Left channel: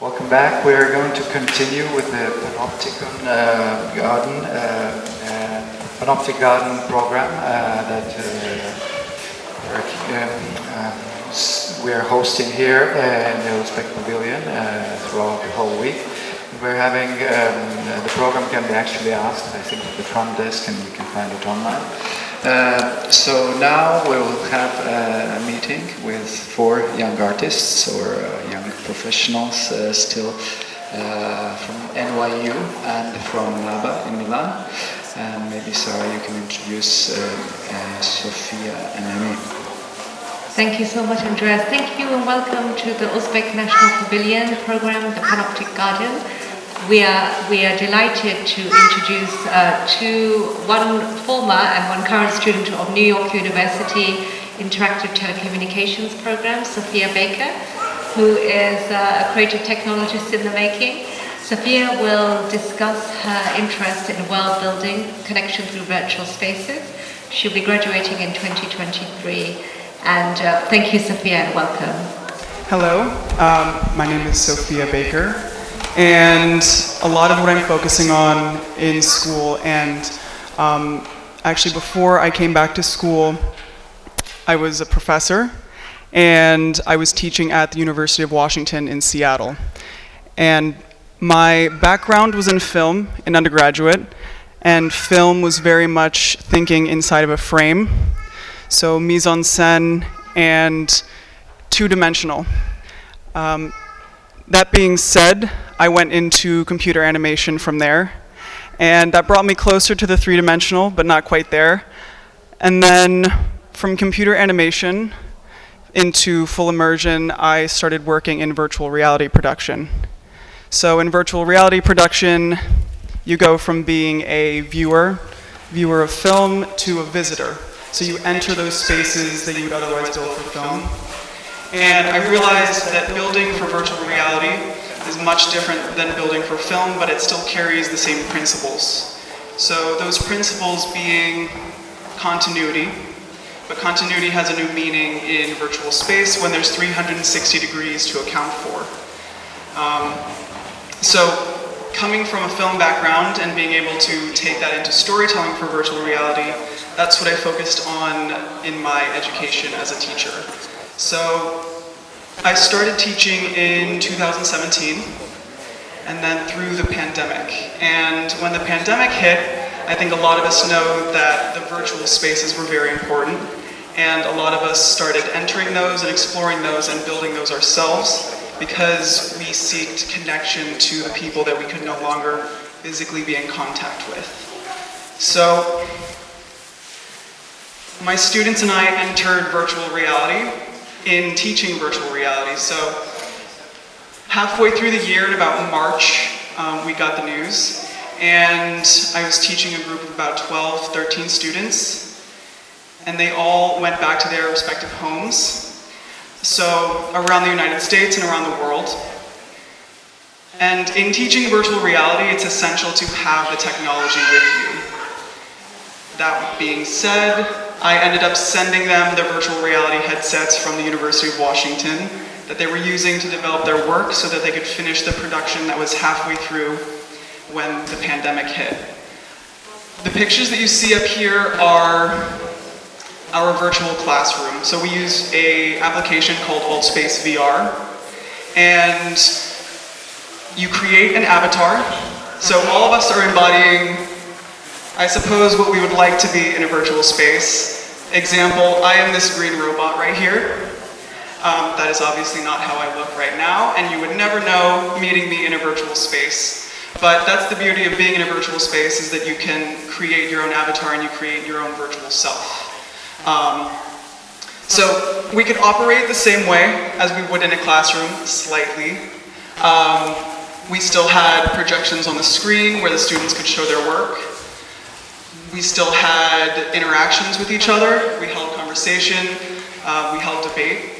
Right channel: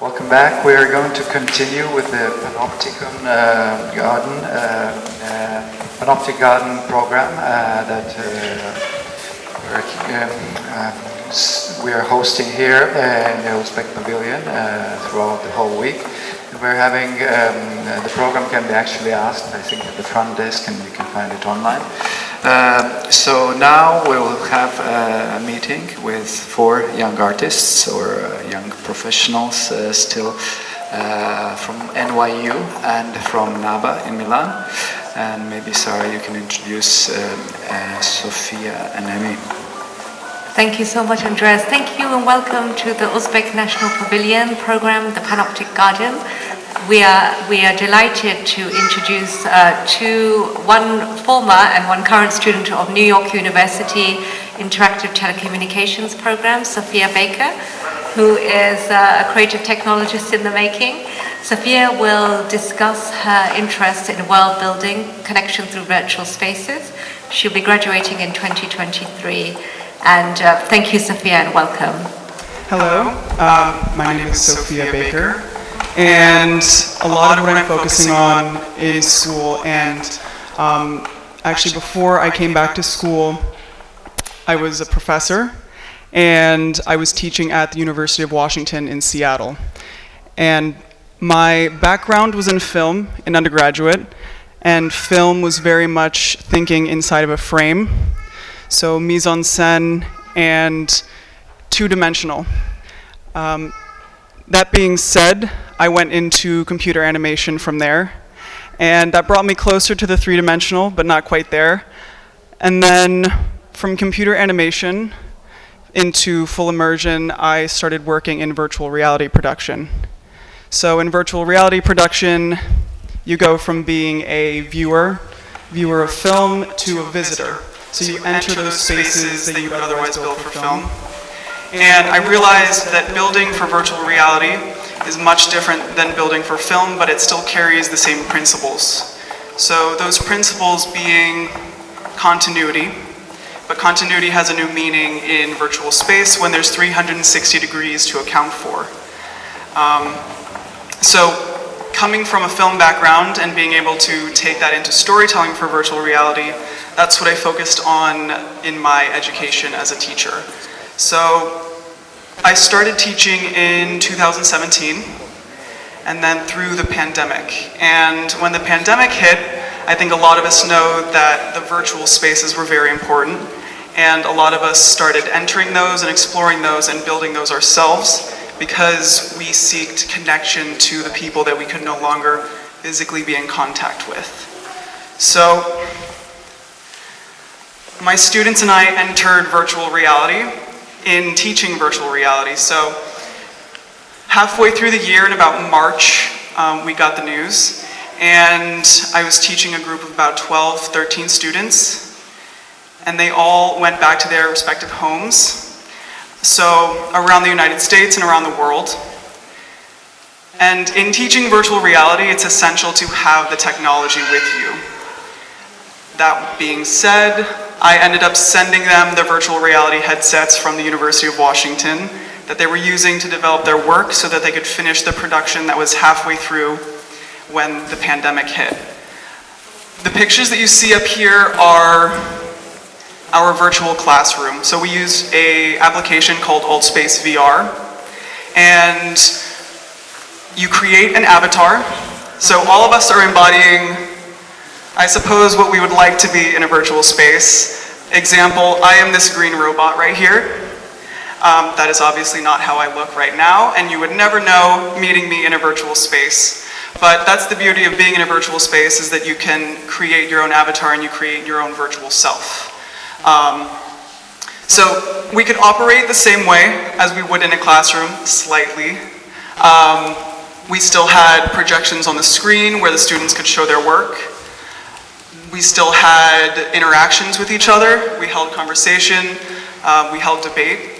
Welcome back. We are going to continue with the Panopticon Panoptic Garden program that we are hosting here in the Uzbek Pavilion throughout the whole week. We're having the program can be actually asked, I think, at the front desk, and you can find it online. So now we will have a meeting with 4 young artists or young professionals still from NYU and from NABA in Milan. And maybe Sara, you can introduce Sophia and Annie. Thank you so much, Andris. Thank you and welcome to the Uzbek National Pavilion program, the Panoptic Garden. We are delighted to introduce one former and one current student of New York University Interactive Telecommunications Program, Sophia Baker, who is a creative technologist in the making. Sophia will discuss her interest in world building, connection through virtual spaces. She'll be graduating in 2023. And thank you, Sophia, and welcome. Hello, my name is Sophia Baker. And a lot of what I'm focusing on in school, and actually before I came back to school, I was a professor, and I was teaching at the University of Washington in Seattle. And my background was in film in undergraduate, and film was very much thinking inside of a frame, so mise-en-scène and two-dimensional. That being said, I went into computer animation from there, and that brought me closer to the three-dimensional, but not quite there. And then from computer animation into full immersion, I started working in virtual reality production. So in virtual reality production, you go from being a viewer of film, to a visitor. So you enter those spaces that you would otherwise build for film. And I realized that building for virtual reality is much different than building for film, but it still carries the same principles. So those principles being continuity, but continuity has a new meaning in virtual space when there's 360 degrees to account for. So coming from a film background and being able to take that into storytelling for virtual reality, that's what I focused on in my education as a teacher. So I started teaching in 2017, and then through the pandemic. And when the pandemic hit, I think a lot of us know that the virtual spaces were very important, and a lot of us started entering those and exploring those and building those ourselves because we seeked connection to the people that we could no longer physically be in contact with. So my students and I entered virtual reality in teaching virtual reality. So halfway through the year, in about March, we got the news, and I was teaching a group of about 12, 13 students, and they all went back to their respective homes, so around the United States and around the world. And in teaching virtual reality, it's essential to have the technology with you. That being said, I ended up sending them the virtual reality headsets from the University of Washington that they were using to develop their work so that they could finish the production that was halfway through when the pandemic hit. The pictures that you see up here are our virtual classroom. So we use an application called AltSpace VR, and you create an avatar. So all of us are embodying, I suppose, what we would like to be in a virtual space. Example, I am this green robot right here. That is obviously not how I look right now, and you would never know meeting me in a virtual space. But that's the beauty of being in a virtual space, is that you can create your own avatar and you create your own virtual self. So we could operate the same way as we would in a classroom, slightly. We still had projections on the screen where the students could show their work. We still had interactions with each other. We held conversation, we held debate.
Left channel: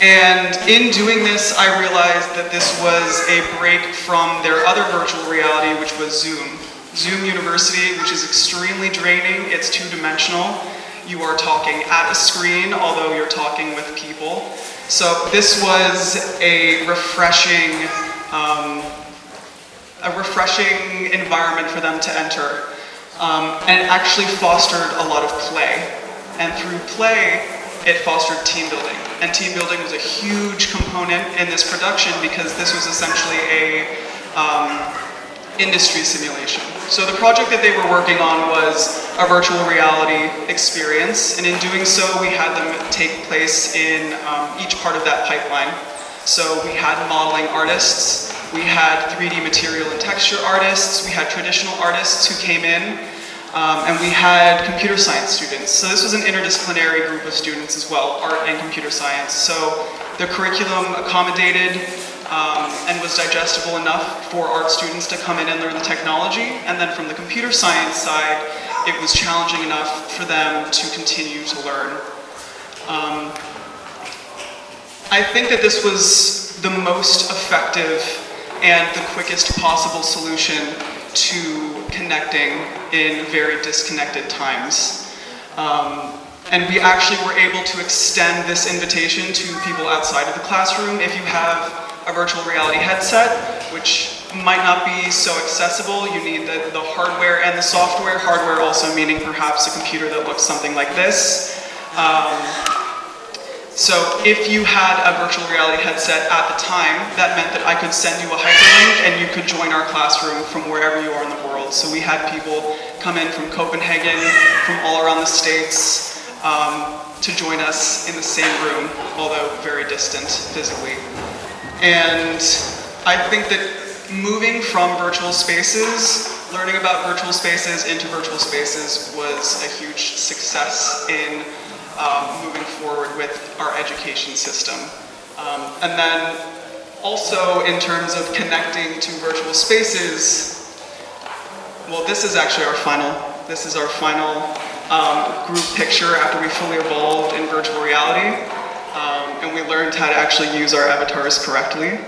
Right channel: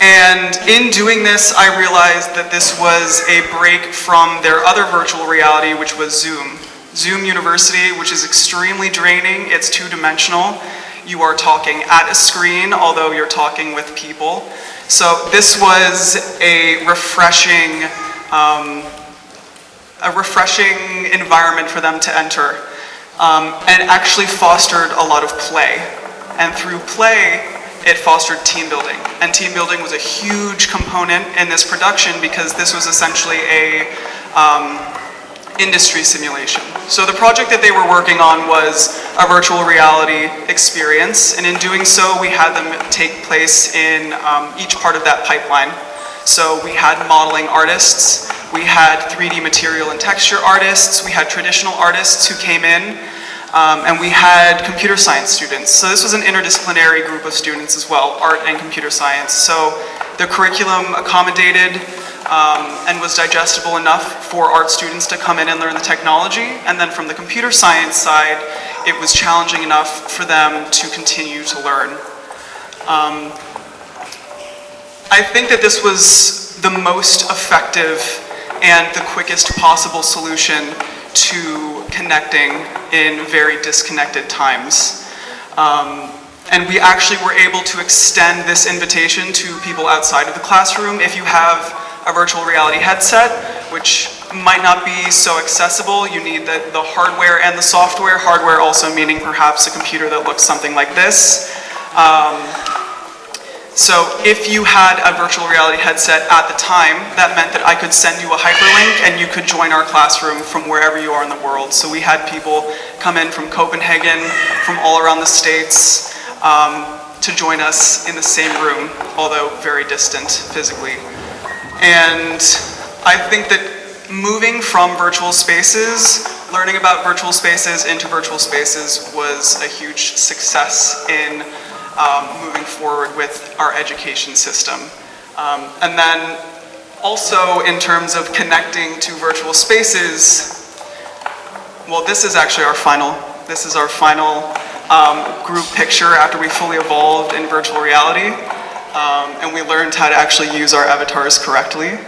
And in doing this, I realized that this was a break from their other virtual reality, which was Zoom. Zoom University, which is extremely draining. It's two-dimensional. You are talking at a screen, although you're talking with people. So this was a refreshing a refreshing environment for them to enter, and actually fostered a lot of play. And through play, it fostered team building. And team building was a huge component in this production because this was essentially a industry simulation. So the project that they were working on was a virtual reality experience, and in doing so, we had them take place in each part of that pipeline. So we had modeling artists, we had 3D material and texture artists, we had traditional artists who came in, and we had computer science students. So this was an interdisciplinary group of students as well, art and computer science. So the curriculum accommodated and was digestible enough for art students to come in and learn the technology. And then from the computer science side, it was challenging enough for them to continue to learn. I think that this was the most effective and the quickest possible solution to connecting in very disconnected times. And we actually were able to extend this invitation to people outside of the classroom. If you have a virtual reality headset, which might not be so accessible, you need the hardware and the software. Hardware also meaning perhaps a computer that looks something like this. So if you had a virtual reality headset at the time, that meant that I could send you a hyperlink and you could join our classroom from wherever you are in the world. So we had people come in from Copenhagen, from all around the States, to join us in the same room, although very distant physically. And I think that moving from virtual spaces, learning about virtual spaces into virtual spaces was a huge success in moving forward with our education system. And then also in terms of connecting to virtual spaces, well, this is actually our final group picture after we fully evolved in virtual reality. And we learned how to actually use our avatars correctly.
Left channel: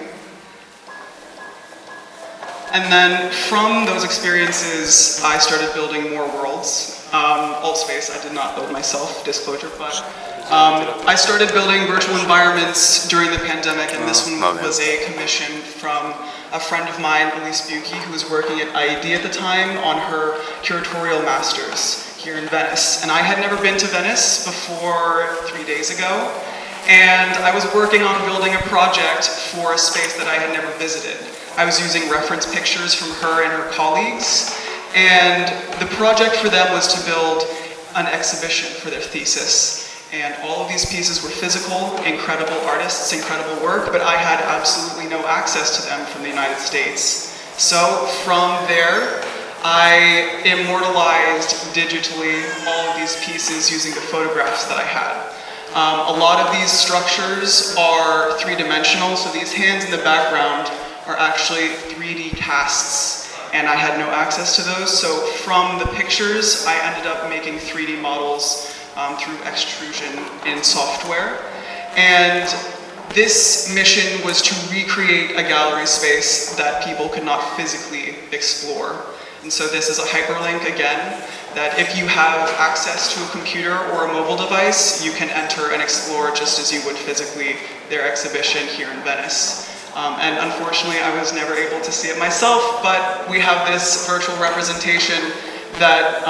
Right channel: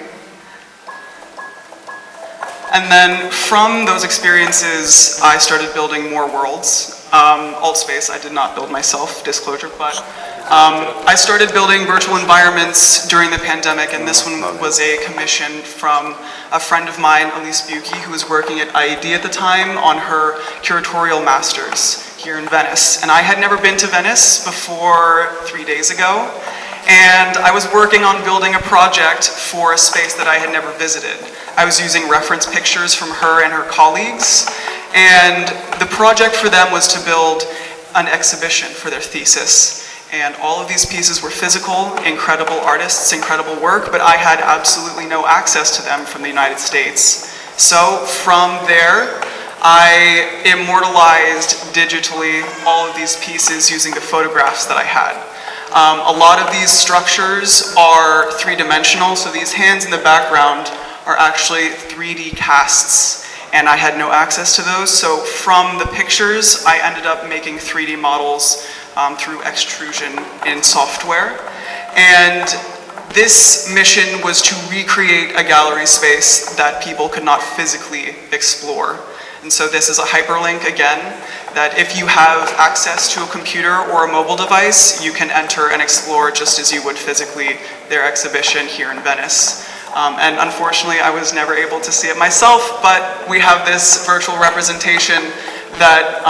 And then from those experiences, I started building more worlds. Altspace, I did not build myself, disclosure, but I started building virtual environments during the pandemic, and this one was a commission from a friend of mine, Elise Buki, who was working at IED at the time on her curatorial masters here in Venice. And I had never been to Venice before 3 days ago, and I was working on building a project for a space that I had never visited. I was using reference pictures from her and her colleagues, and the project for them was to build an exhibition for their thesis. And all of these pieces were physical, incredible artists, incredible work, but I had absolutely no access to them from the United States. So from there, I immortalized digitally all of these pieces using the photographs that I had. A lot of these structures are three-dimensional, so these hands in the background are actually 3D casts, and I had no access to those. So from the pictures, I ended up making 3D models through extrusion in software. And this mission was to recreate a gallery space that people could not physically explore. And so this is a hyperlink again, that if you have access to a computer or a mobile device, you can enter and explore just as you would physically their exhibition here in Venice. And unfortunately, I was never able to see it myself, but we have this virtual representation that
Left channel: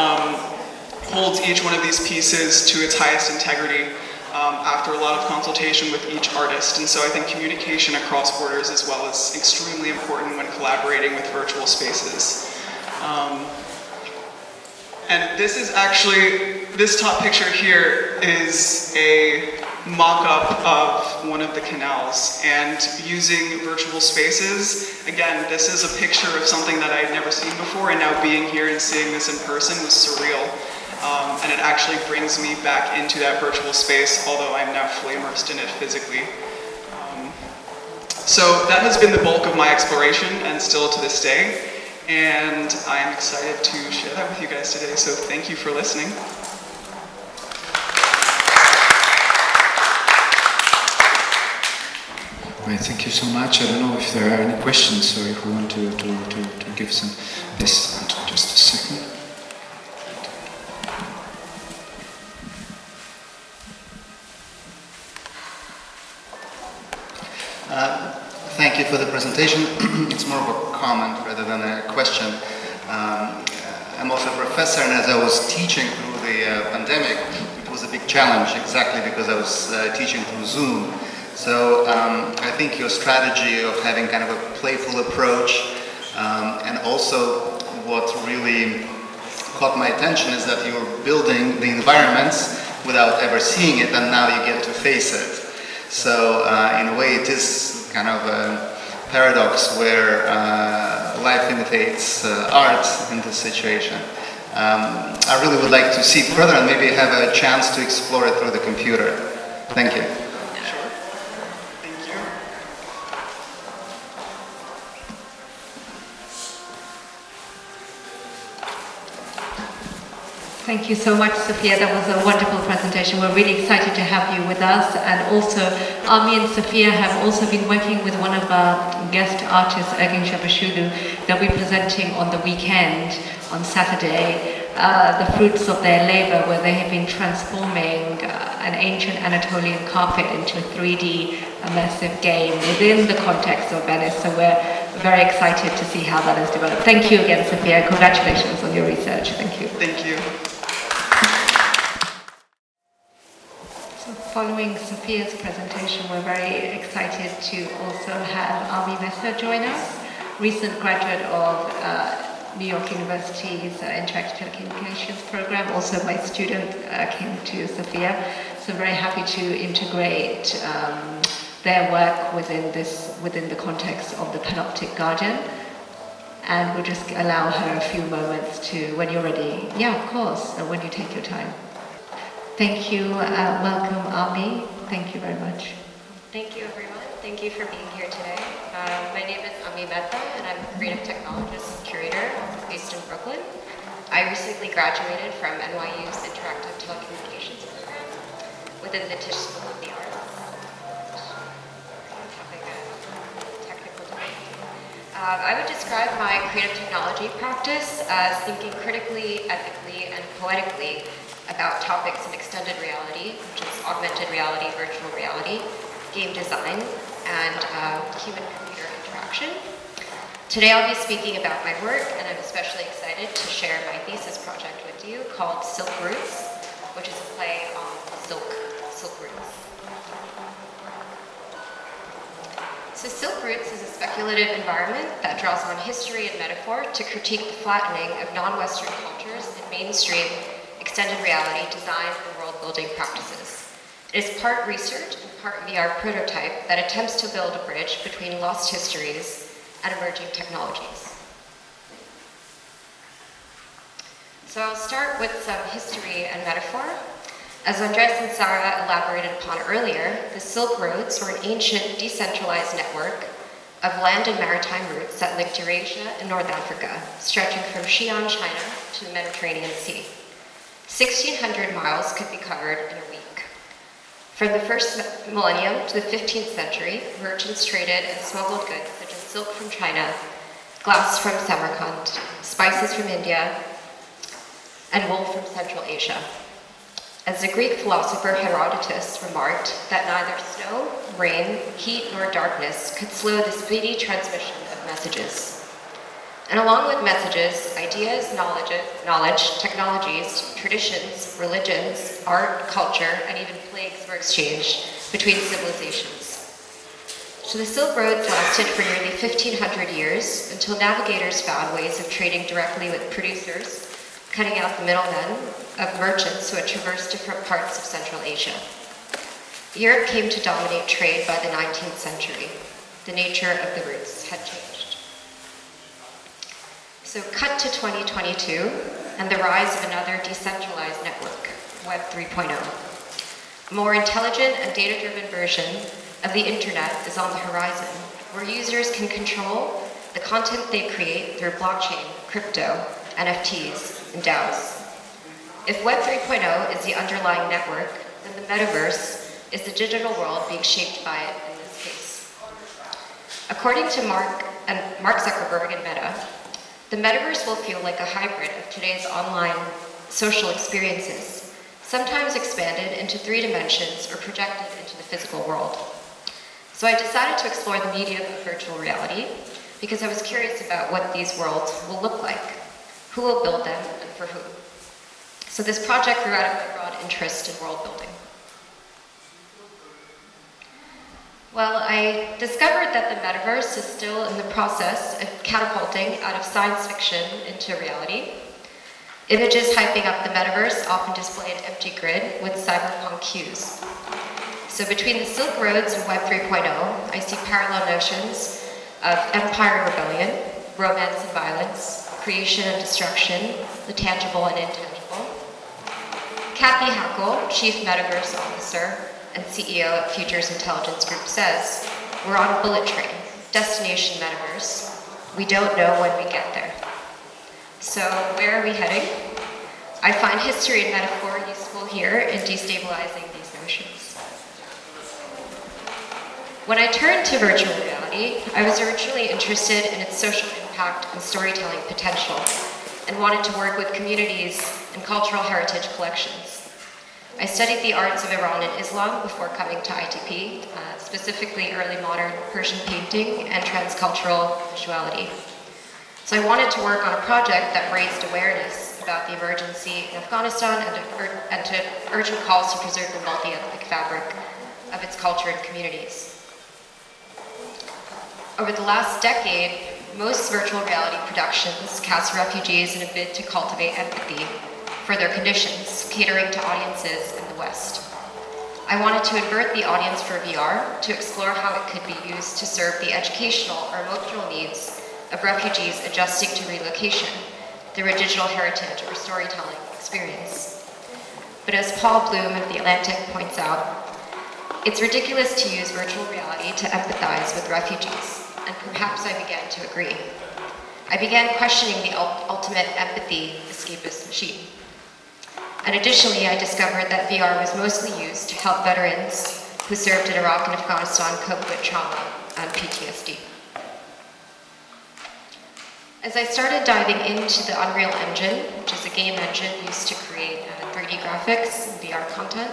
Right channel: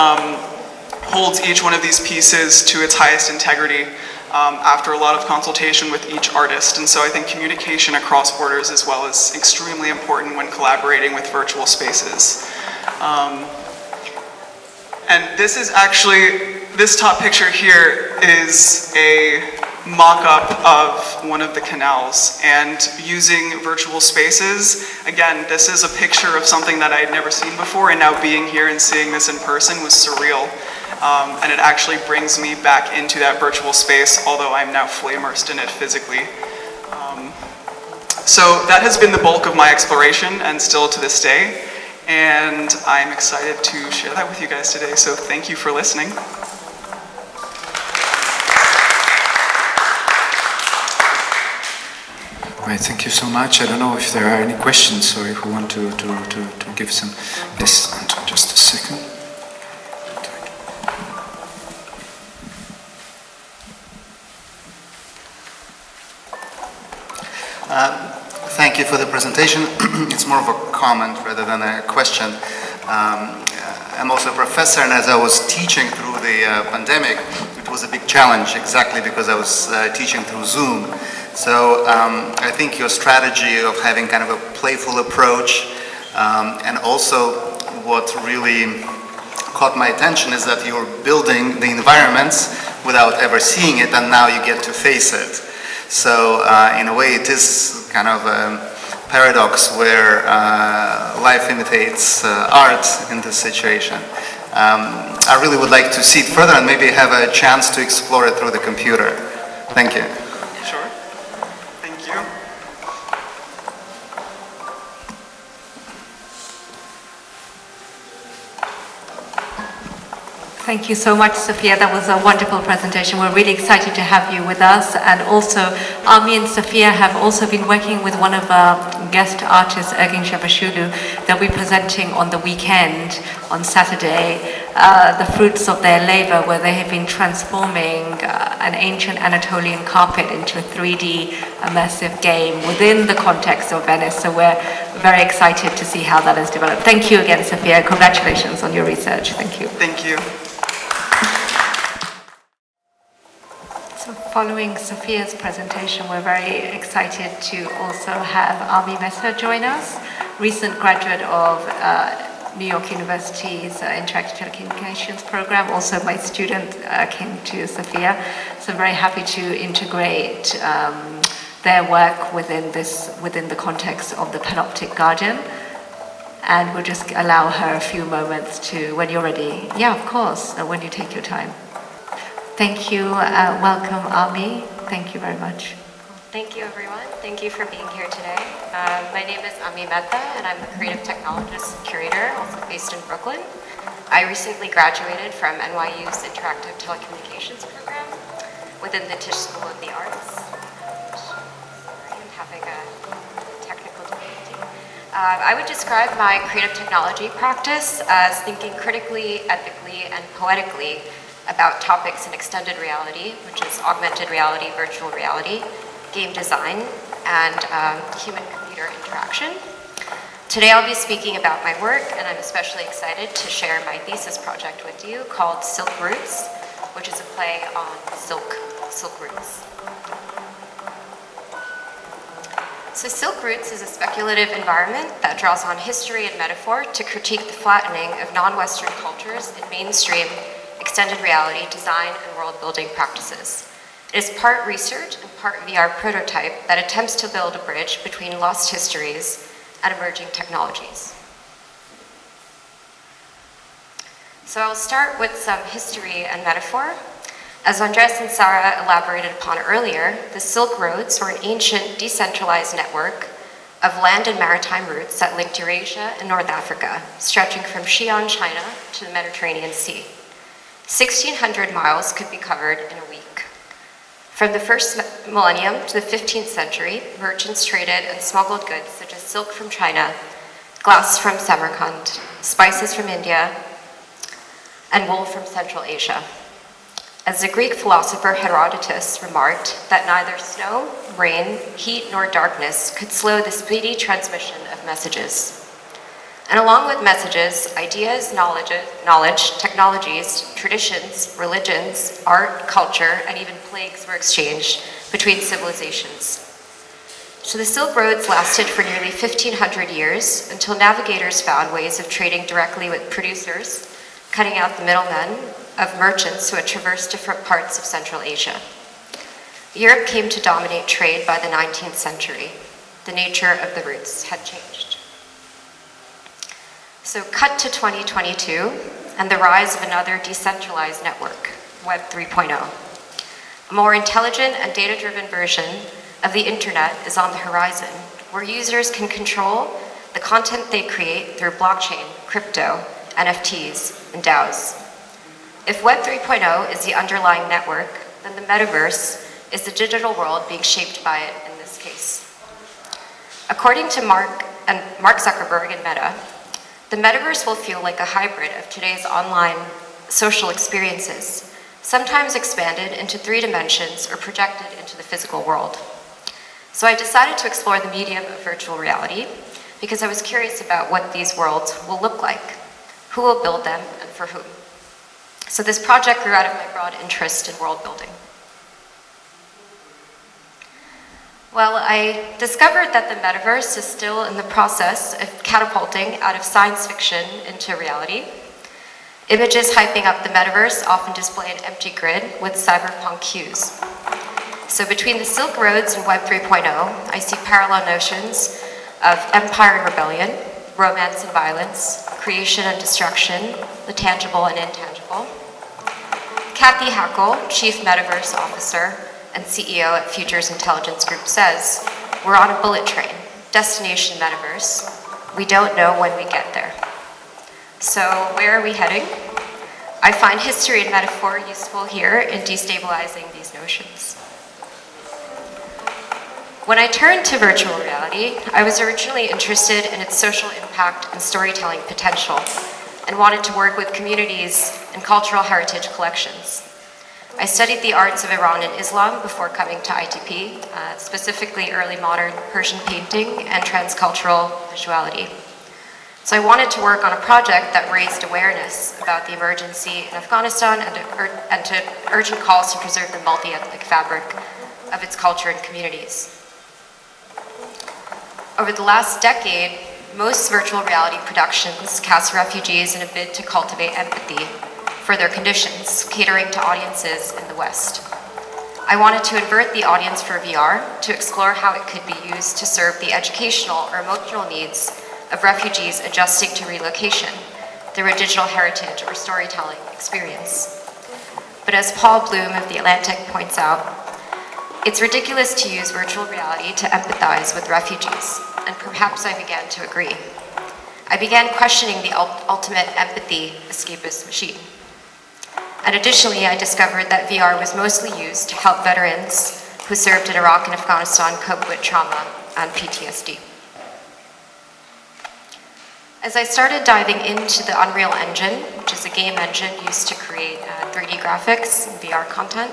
holds each one of these pieces to its highest integrity after a lot of consultation with each artist. And so I think communication across borders as well is extremely important when collaborating with virtual spaces. And this is actually, this top picture here is a mock-up of one of the canals, and using virtual spaces, again, this is a picture of something that I had never seen before, and now being here and seeing this in person was surreal. And it actually brings me back into that virtual space, although I'm now fully immersed in it physically. So that has been the bulk of my exploration, and still to this day. And I'm excited to share that with you guys today, so thank you for listening. Right, thank you so much. I don't know if there are any questions or if we want to give some. Yes, just a second. Thank you for the presentation. It's more of a comment rather than a question. I'm also a professor, and as I was teaching through the pandemic, it was a big challenge exactly because I was teaching through Zoom. So I think your strategy of having kind of a playful approach, and also what really caught my attention is that you're building the environments without ever seeing it, and now you get to face it. So in a way it is kind of a paradox where life imitates art in this situation. I really would like to see it further and maybe have a chance to explore it through the computer. Thank you. Sure. Thank you. Thank you so much, Sophia. That was a wonderful presentation. We're really excited to have you with us. And also, Ami and Sophia have also been working with one of our guest artists, Ergin Shabashulu. They'll be presenting on the weekend, on Saturday, the fruits of their labor, where they have been transforming an ancient Anatolian carpet into a 3D immersive game within the context of Venice. So we're very excited to see how that has developed. Thank you again, Sophia. Congratulations on your research. Thank you. Thank you. So following Sophia's presentation, we're very excited to also have Ami Mehta join us, recent graduate of New York University's Interactive Telecommunications program. Also, my student came to Sophia, so I'm very happy to integrate their work within the context of the Panoptic Garden. And we'll just allow her a few moments to, when you're ready. Yeah, of course, when you take your time. Thank you. Welcome, Ami. Thank you very much. Thank you, everyone. Thank you for being here today. My name is Ami Mehta, and I'm a creative technologist and curator, also based in Brooklyn. I recently graduated from NYU's Interactive Telecommunications program within the Tisch School of the Arts. I'm having a technical difficulty. I would describe my creative technology practice as thinking critically, ethically, and poetically about topics in extended reality, which is augmented reality, virtual reality, game design, and human-computer interaction. Today I'll be speaking about my work, and I'm especially excited to share my thesis project with you called Silk Roots, which is a play on silk roots. So Silk Roots is a speculative environment that draws on history and metaphor to critique the flattening of non-Western cultures in mainstream extended reality design and world-building practices. It is part research and part VR prototype that attempts to build a bridge between lost histories and emerging technologies. So I'll start with some history and metaphor. As Andris and Sara elaborated upon earlier, the Silk Roads were an ancient decentralized network of land and maritime routes that linked Eurasia and North Africa, stretching from Xi'an, China to the Mediterranean Sea. 1,600 miles could be covered in a week. From the first millennium to the 15th century, merchants traded and smuggled goods such as silk from China, glass from Samarkand, spices from India, and wool from Central Asia. As the Greek philosopher Herodotus remarked that neither snow, rain, heat, nor darkness could slow the speedy transmission of messages. And along with messages, ideas, knowledge, technologies, traditions, religions, art, culture, and even plagues were exchanged between civilizations. So the Silk Roads lasted for nearly 1,500 years until navigators found ways of trading directly with producers, cutting out the middlemen of merchants who had traversed different parts of Central Asia. Europe came to dominate trade by the 19th century. The nature of the routes had changed. So cut to 2022 and the rise of another decentralized network, Web 3.0. A more intelligent and data-driven version of the internet is on the horizon, where users can control the content they create through blockchain, crypto, NFTs, and DAOs. If Web 3.0 is the underlying network, then the metaverse is the digital world being shaped by it in this case. According to Mark Zuckerberg and Meta, the metaverse will feel like a hybrid of today's online social experiences, sometimes expanded into 3 dimensions or projected into the physical world. So I decided to explore the medium of virtual reality because I was curious about what these worlds will look like, who will build them, and for whom. So this project grew out of my broad interest in world building. Well, I discovered that the metaverse is still in the process of catapulting out of science fiction into reality. Images hyping up the metaverse often display an empty grid with cyberpunk hues. So between the Silk Roads and Web 3.0, I see parallel notions of empire and rebellion, romance and violence, creation and destruction, the tangible and intangible. Kathy Hackle, Chief Metaverse Officer and CEO at Futures Intelligence Group, says, "We're on a bullet train, destination metaverse. We don't know when we get there." So where are we heading? I find history and metaphor useful here in destabilizing these notions. When I turned to virtual reality, I was originally interested in its social impact and storytelling potential, and wanted to work with communities and cultural heritage collections. I studied the arts of Iran and Islam before coming to ITP, specifically early modern Persian painting and transcultural visuality. So I wanted to work on a project that raised awareness about the emergency in Afghanistan and to urgent calls to preserve the multi-ethnic fabric of its culture and communities. Over the last decade, most virtual reality productions cast refugees in a bid to cultivate empathy for their conditions, catering to audiences in the West. I wanted to invert the audience for VR to explore how it could be used to serve the educational or emotional needs of refugees adjusting to relocation through a digital heritage or storytelling experience. But as Paul Bloom of The Atlantic points out, it's ridiculous to use virtual reality to empathize with refugees, and perhaps I began to agree. I began questioning the ultimate empathy escapist machine. And additionally, I discovered that VR was mostly used to help veterans who served in Iraq and Afghanistan cope with trauma and PTSD. As I started diving into the Unreal Engine, which is a game engine used to create 3D graphics and VR content,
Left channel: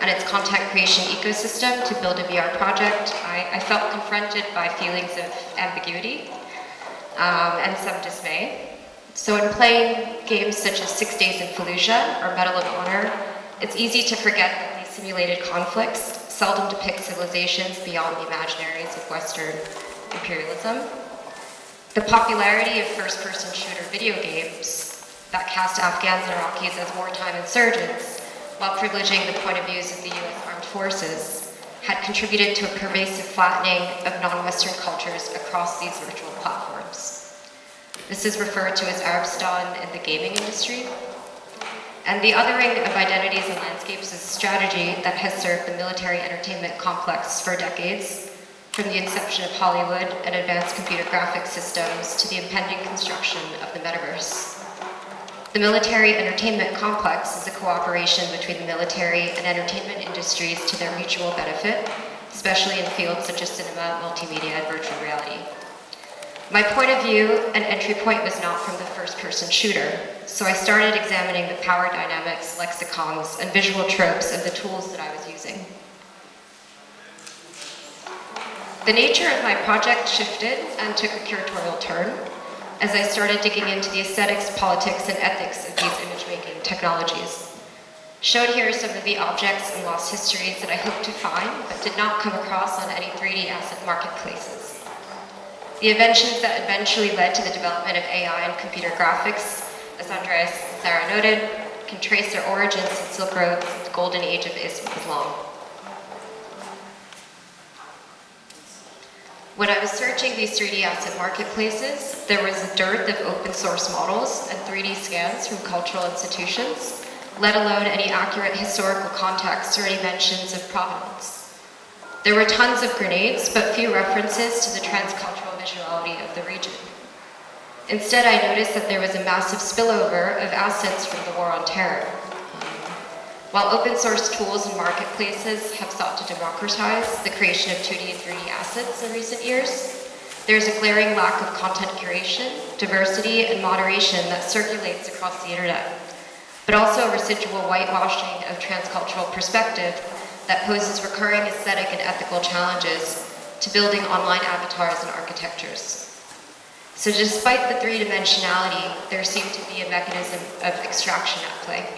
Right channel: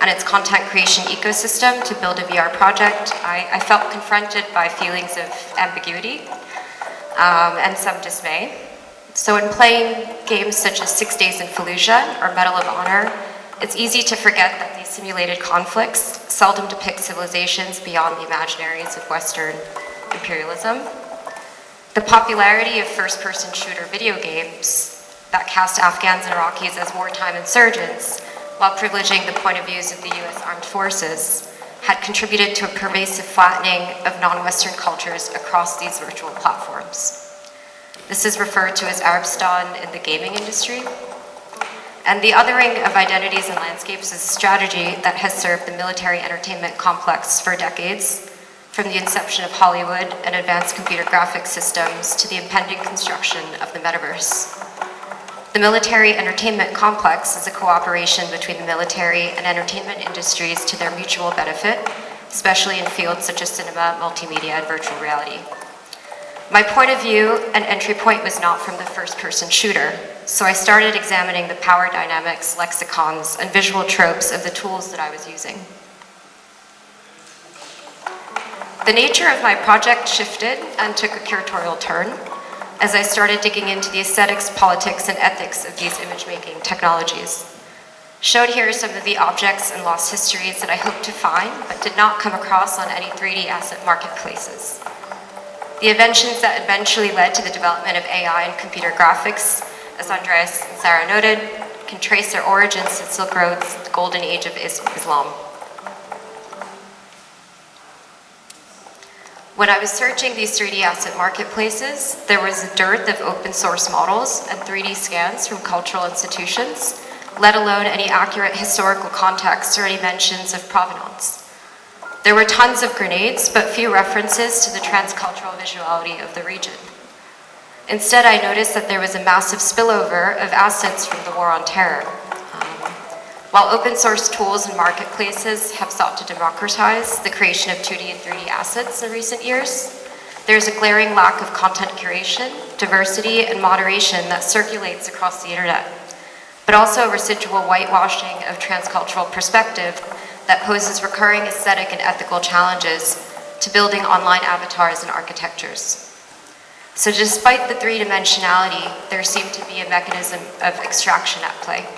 and its content creation ecosystem to build a VR project, I felt confronted by feelings of ambiguity and some dismay. So in playing games such as 6 Days in Fallujah or Medal of Honor, it's easy to forget that these simulated conflicts seldom depict civilizations beyond the imaginaries of Western imperialism. The popularity of first-person shooter video games that cast Afghans and Iraqis as wartime insurgents while privileging the point of views of the US Armed Forces had contributed to a pervasive flattening of non-Western cultures across these virtual platforms. This is referred to as Arabstan in the gaming industry. And the othering of identities and landscapes is a strategy that has served the military entertainment complex for decades, from the inception of Hollywood and advanced computer graphics systems to the impending construction of the metaverse. The military entertainment complex is a cooperation between the military and entertainment industries to their mutual benefit, especially in fields such as cinema, multimedia, and virtual reality. My point of view and entry point was not from the first-person shooter, so I started examining the power dynamics, lexicons, and visual tropes of the tools that I was using. The nature of my project shifted and took a curatorial turn as I started digging into the aesthetics, politics, and ethics of these image-making technologies. Shown here are some of the objects and lost histories that I hoped to find, but did not come across on any 3D asset marketplaces. The inventions that eventually led to the development of AI and computer graphics, as Andris and Sara noted, can trace their origins in Silk Road's the golden age of Islam. When I was searching these 3D asset marketplaces, there was a dearth of open source models and 3D scans from cultural institutions, let alone any accurate historical context or any mentions of provenance. There were tons of grenades, but few references to the transcultural visuality of the region. Instead, I noticed that there was a massive spillover of assets from the war on terror. While open source tools and marketplaces have sought to democratize the creation of 2D and 3D assets in recent years, there's a glaring lack of content curation, diversity, and moderation that circulates across the internet, but also a residual whitewashing of transcultural perspective that poses recurring aesthetic and ethical challenges to building online avatars and architectures. So despite the three-dimensionality, there seemed to be a mechanism of extraction at play.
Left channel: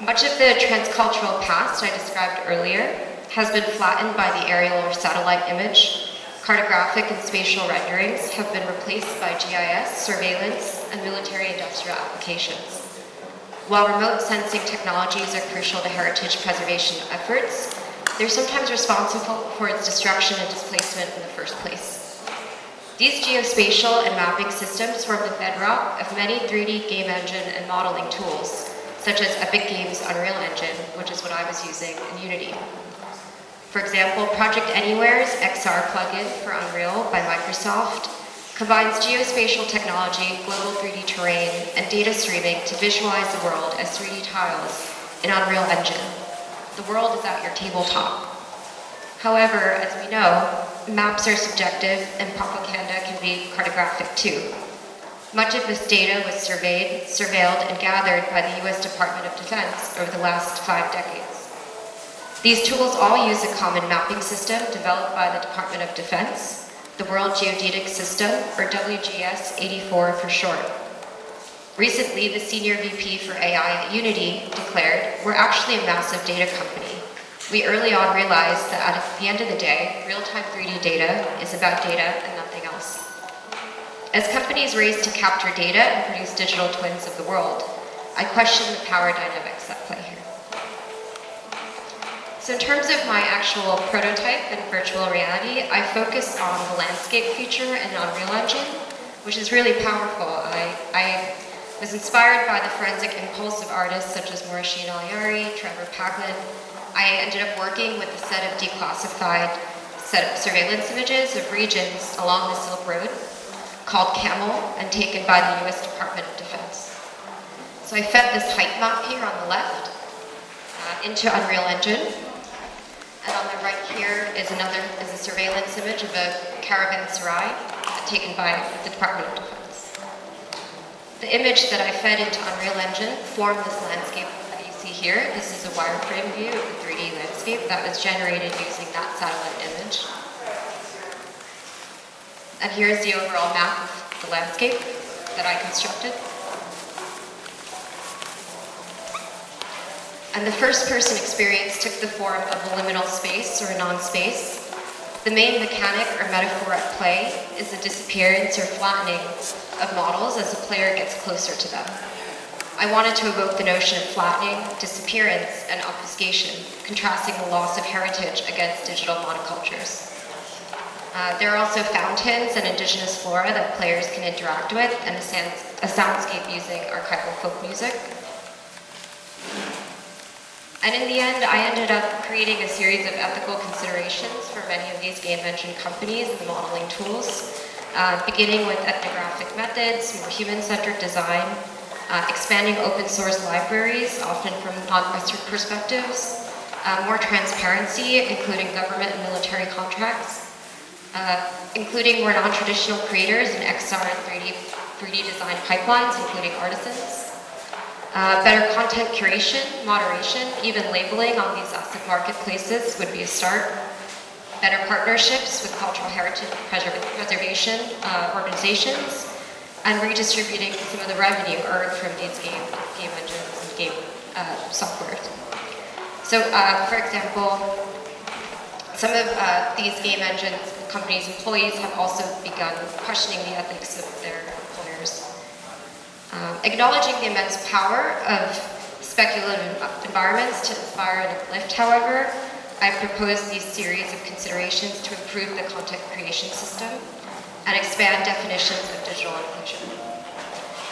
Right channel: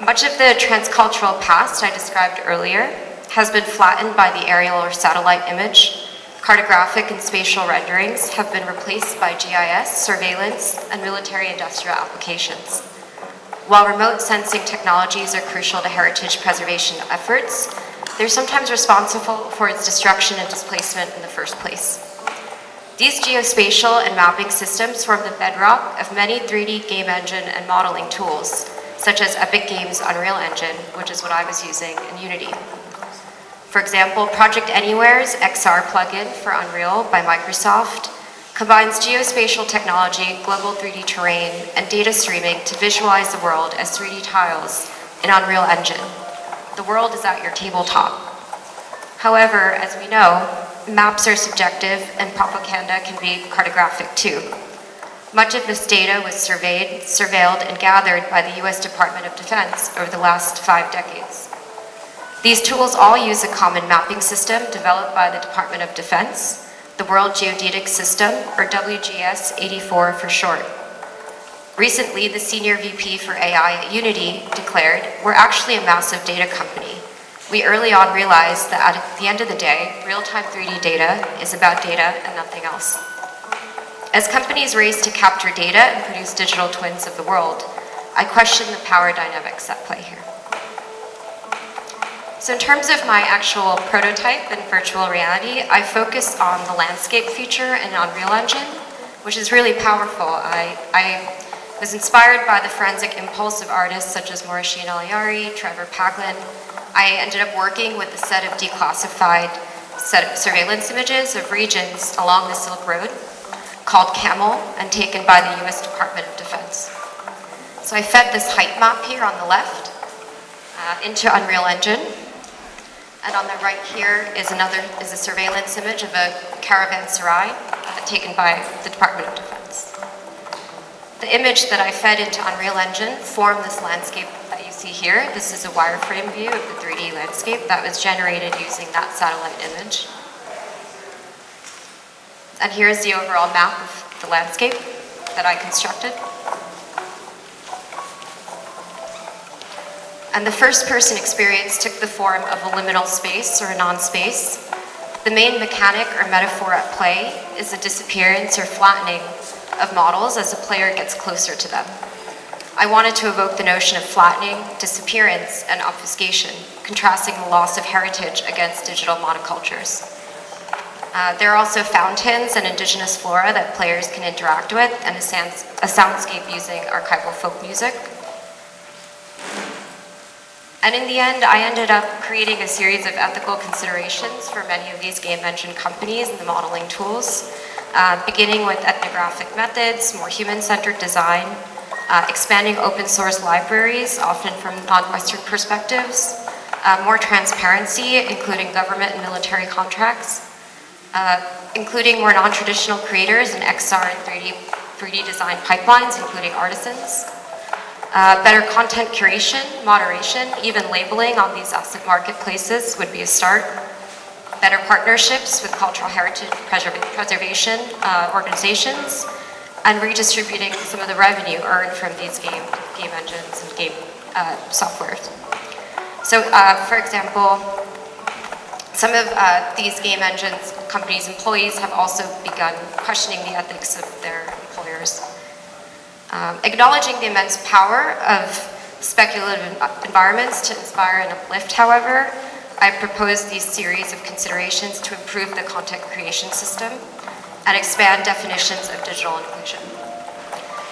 Much of the transcultural past I described earlier has been flattened by the aerial or satellite image. Cartographic and spatial renderings have been replaced by GIS, surveillance, and military-industrial applications. While remote sensing technologies are crucial to heritage preservation efforts, they're sometimes responsible for its destruction and displacement in the first place. These geospatial and mapping systems form the bedrock of many 3D game engine and modeling tools, such as Epic Games' Unreal Engine, which is what I was using in Unity. For example, Project Anywhere's XR plugin for Unreal by Microsoft combines geospatial technology, global 3D terrain, and data streaming to visualize the world as 3D tiles in Unreal Engine. The world is at your tabletop. However, as we know, maps are subjective and propaganda can be cartographic too. Much of this data was surveyed, surveilled, and gathered by the US Department of Defense over the last 5 decades. These tools all use a common mapping system developed by the Department of Defense, the World Geodetic System, or WGS-84 for short. Recently, the Senior VP for AI at Unity declared, "We're actually a massive data company. We early on realized that at the end of the day, real-time 3D data is about data and nothing else." As companies race to capture data and produce digital twins of the world, I question the power dynamics at play here. So in terms of my actual prototype in virtual reality, I focus on the landscape feature in Unreal Engine, which is really powerful. I was inspired by the forensic impulse of artists such as Morashine Alayari, Trevor Paglin. I ended up working with a set of declassified surveillance images of regions along the Silk Road called Camel and taken by the US Department of Defense. So I fed this height map here on the left into Unreal Engine. And on the right here is a surveillance image of a caravanserai taken by the Department of Defense. The image that I fed into Unreal Engine formed this landscape that you see here. This is a wireframe view of the 3D landscape that was generated using that satellite image. And here's the overall map of the landscape that I constructed. And the first-person experience took the form of a liminal space or a non-space. The main mechanic or metaphor at play is the disappearance or flattening of models as the player gets closer to them. I wanted to evoke the notion of flattening, disappearance, and obfuscation, contrasting the loss of heritage against digital monocultures. There are also fountains and indigenous flora that players can interact with, and a soundscape using archival folk music. And in the end, I ended up creating a series of ethical considerations for many of these game engine companies and the modeling tools, beginning with ethnographic methods, more human-centered design, expanding open source libraries, often from non-Western perspectives, more transparency, including government and military contracts, including more non-traditional creators and XR and 3D design pipelines, including artisans. Better content curation, moderation, even labeling on these asset marketplaces would be a start. Better partnerships with cultural heritage preservation organizations, and redistributing some of the revenue earned from these game engines and game software. So, for example, some of these game engines companies' employees have also begun questioning the ethics of their employers. Acknowledging the immense power of speculative environments to inspire and uplift, however, I propose these series of considerations to improve the content creation system and expand definitions of digital inclusion.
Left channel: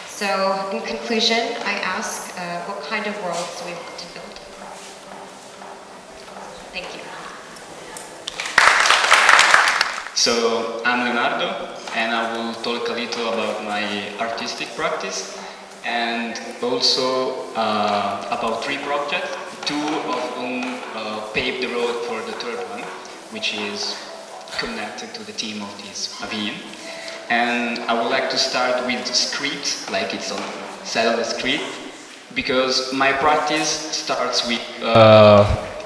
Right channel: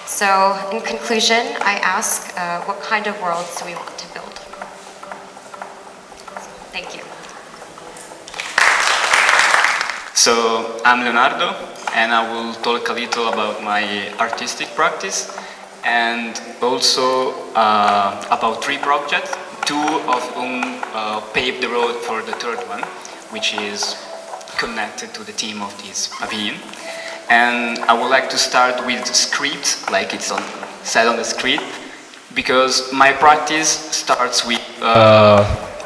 So, in conclusion, I ask, what kind of worlds do we want to build? Thank you. So, I'm Leonardo, and I will talk a little about my artistic practice and also about 3 projects, 2 of whom paved the road for the third one, which is connected to the theme of this pavilion. And I would like to start with the script, like it's said on the script, because my practice starts with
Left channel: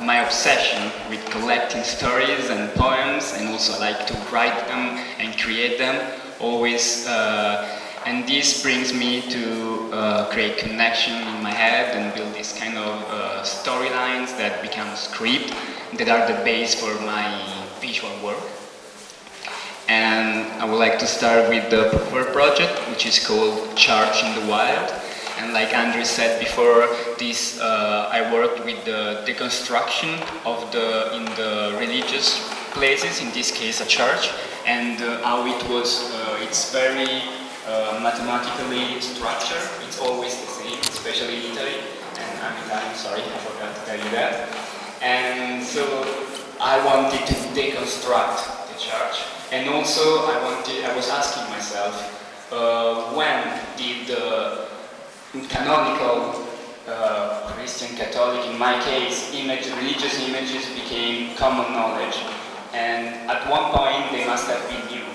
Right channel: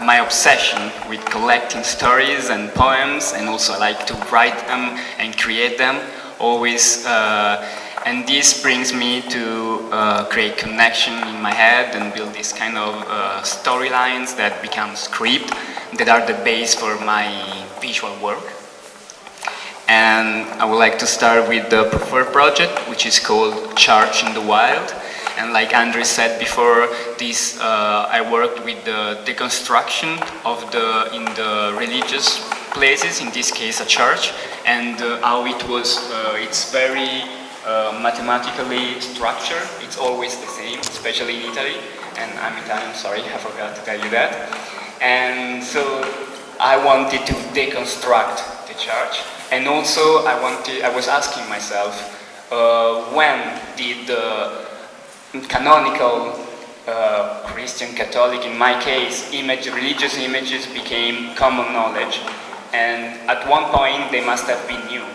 my obsession with collecting stories and poems, and also I like to write them and create them always. And this brings me to create connection in my head and build these kind of storylines that become script that are the base for my visual work. And I would like to start with the preferred project, which is called Church in the Wild. And like Andris said before, this I worked with the deconstruction of in the religious places, in this case a church, and how it was, it's very mathematically structured. It's always the same, especially in Italy. And I'm Italian, sorry, I forgot to tell you that. And so I wanted to deconstruct the church. And also I was asking myself, when did the canonical Christian, Catholic, in my case, religious images became common knowledge? And at one point they must have been new.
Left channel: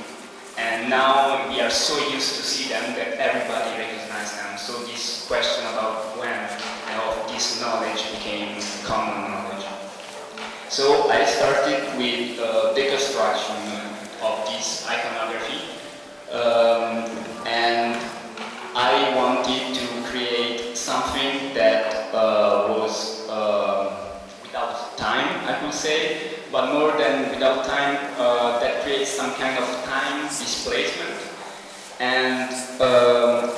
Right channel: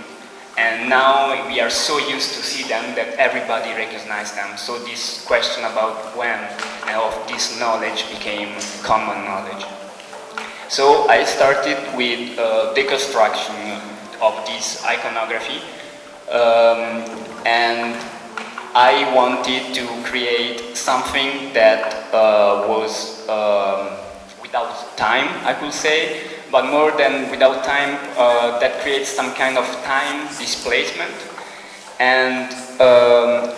And now we are so used to see them that everybody recognizes them. So this question about when of this knowledge became common knowledge. So I started with deconstruction of this iconography, and I wanted to create something that was without time, I could say, but more than without time, that creates some kind of time displacement. And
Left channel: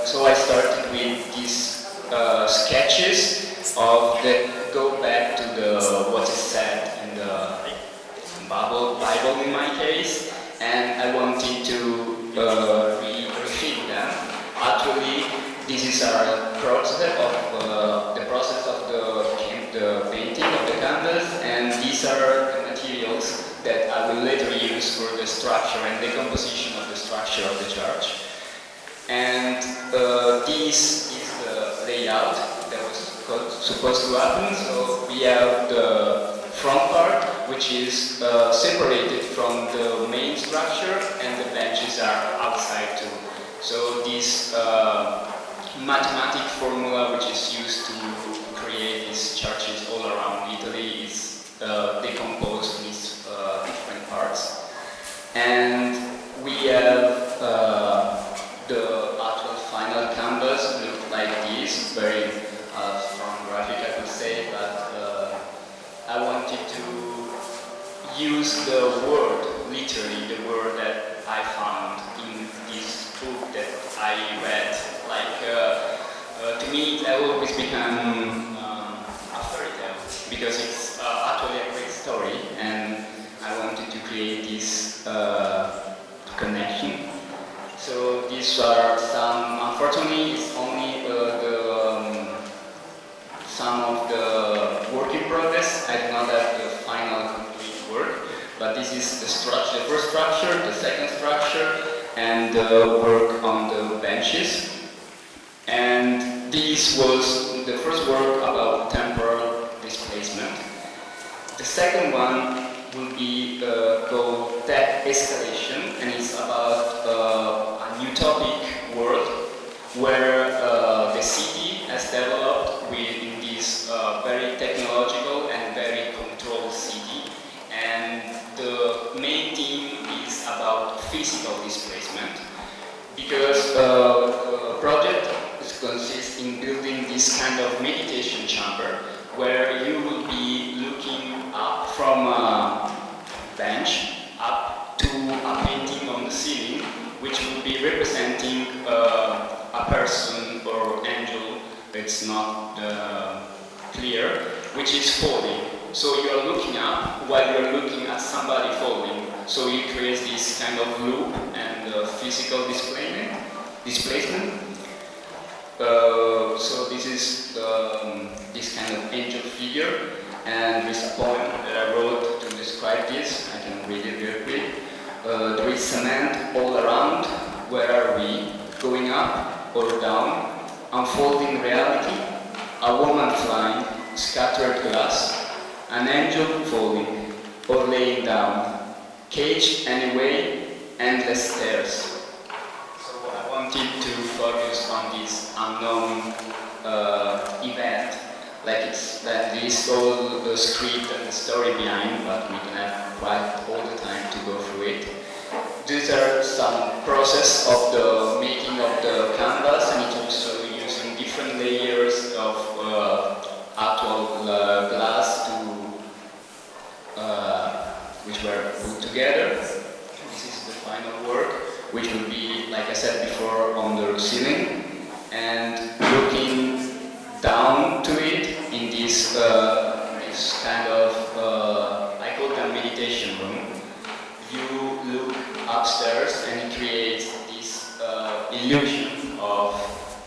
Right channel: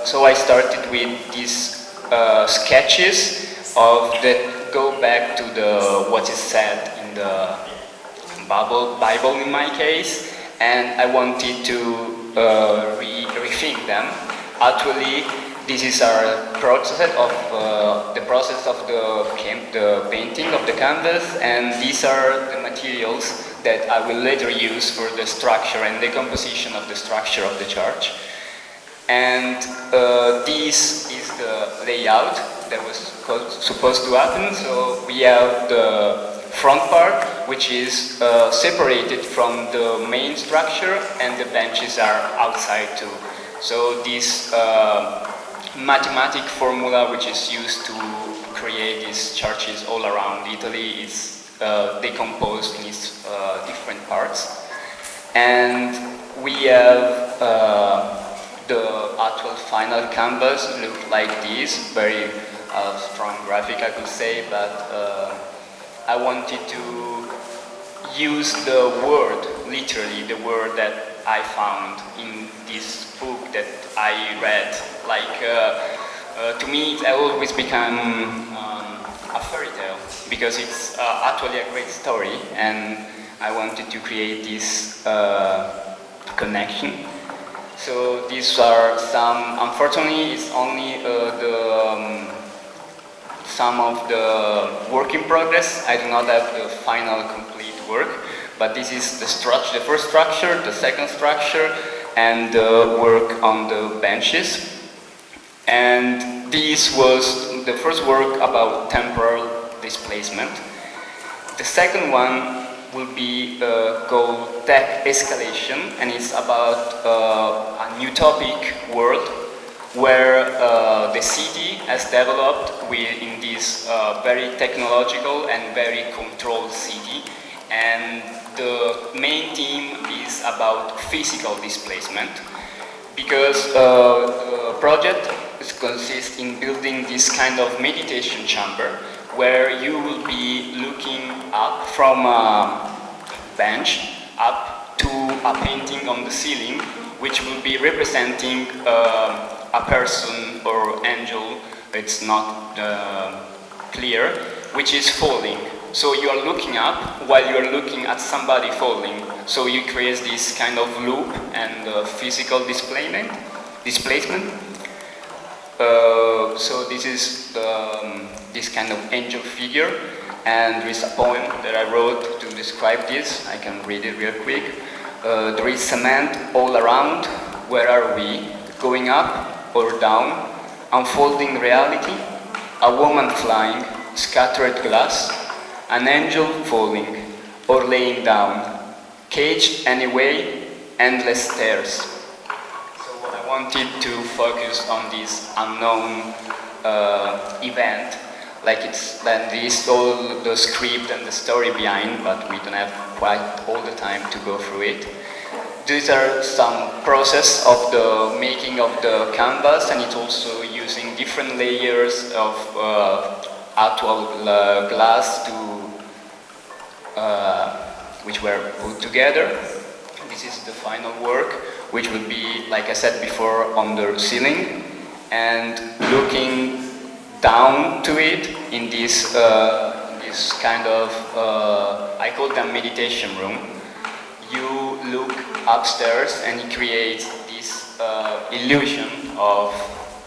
so I started with these sketches of that go back to what is said in the Bible in my case, and I wanted to rethink them. Actually, this is our process of the painting of the canvas, and these are the materials that I will later use for the structure and the composition of the structure of the church. And this is the layout that was supposed to happen. So we have the front part, which is separated from the main structure, and the benches are outside too. So this mathematic formula which is used to create these churches all around Italy is decomposed in these different parts. And we have the actual final canvas look like this, very strong graphic I could say, but I wanted to use the word, literally the word that I found in this book that I read. Like, to me it always become a fairy tale, because it's actually a great story, and I wanted to create this connection. So these are some, unfortunately it's only some of the work in progress. I do not have the final complete work, but this is the structure, the first structure, the second structure, and the work on the benches. And this was the first work about temporal displacement. The second one will be called Tech Escalation, and it's about an utopic world where the city has developed in this very technological and very controlled city, and the main theme is about physical displacement, because the project consists in building this kind of meditation chamber where you will be looking up from a bench up to a painting on the ceiling, which will be representing a person or angel, it's not clear, which is falling. So you are looking up while you are looking at somebody falling. So you create this kind of loop and physical displacement. So this is this kind of angel figure, and there is a poem that I wrote to describe this. I can read it real quick. There is cement all around. Where are we? Going up or down? Unfolding reality? A woman flying, scattered glass, an angel falling or laying down, caged anyway, endless stairs. So I wanted to focus on this unknown event Like there is all the script and the story behind, but we don't have quite all the time to go through it. These are some process of the making of the canvas, and it's also using different layers of actual glass which were put together. This is the final work, which will be, like I said before, on the ceiling, and looking down to it in this kind of, I call them meditation room. You look upstairs and it creates this illusion of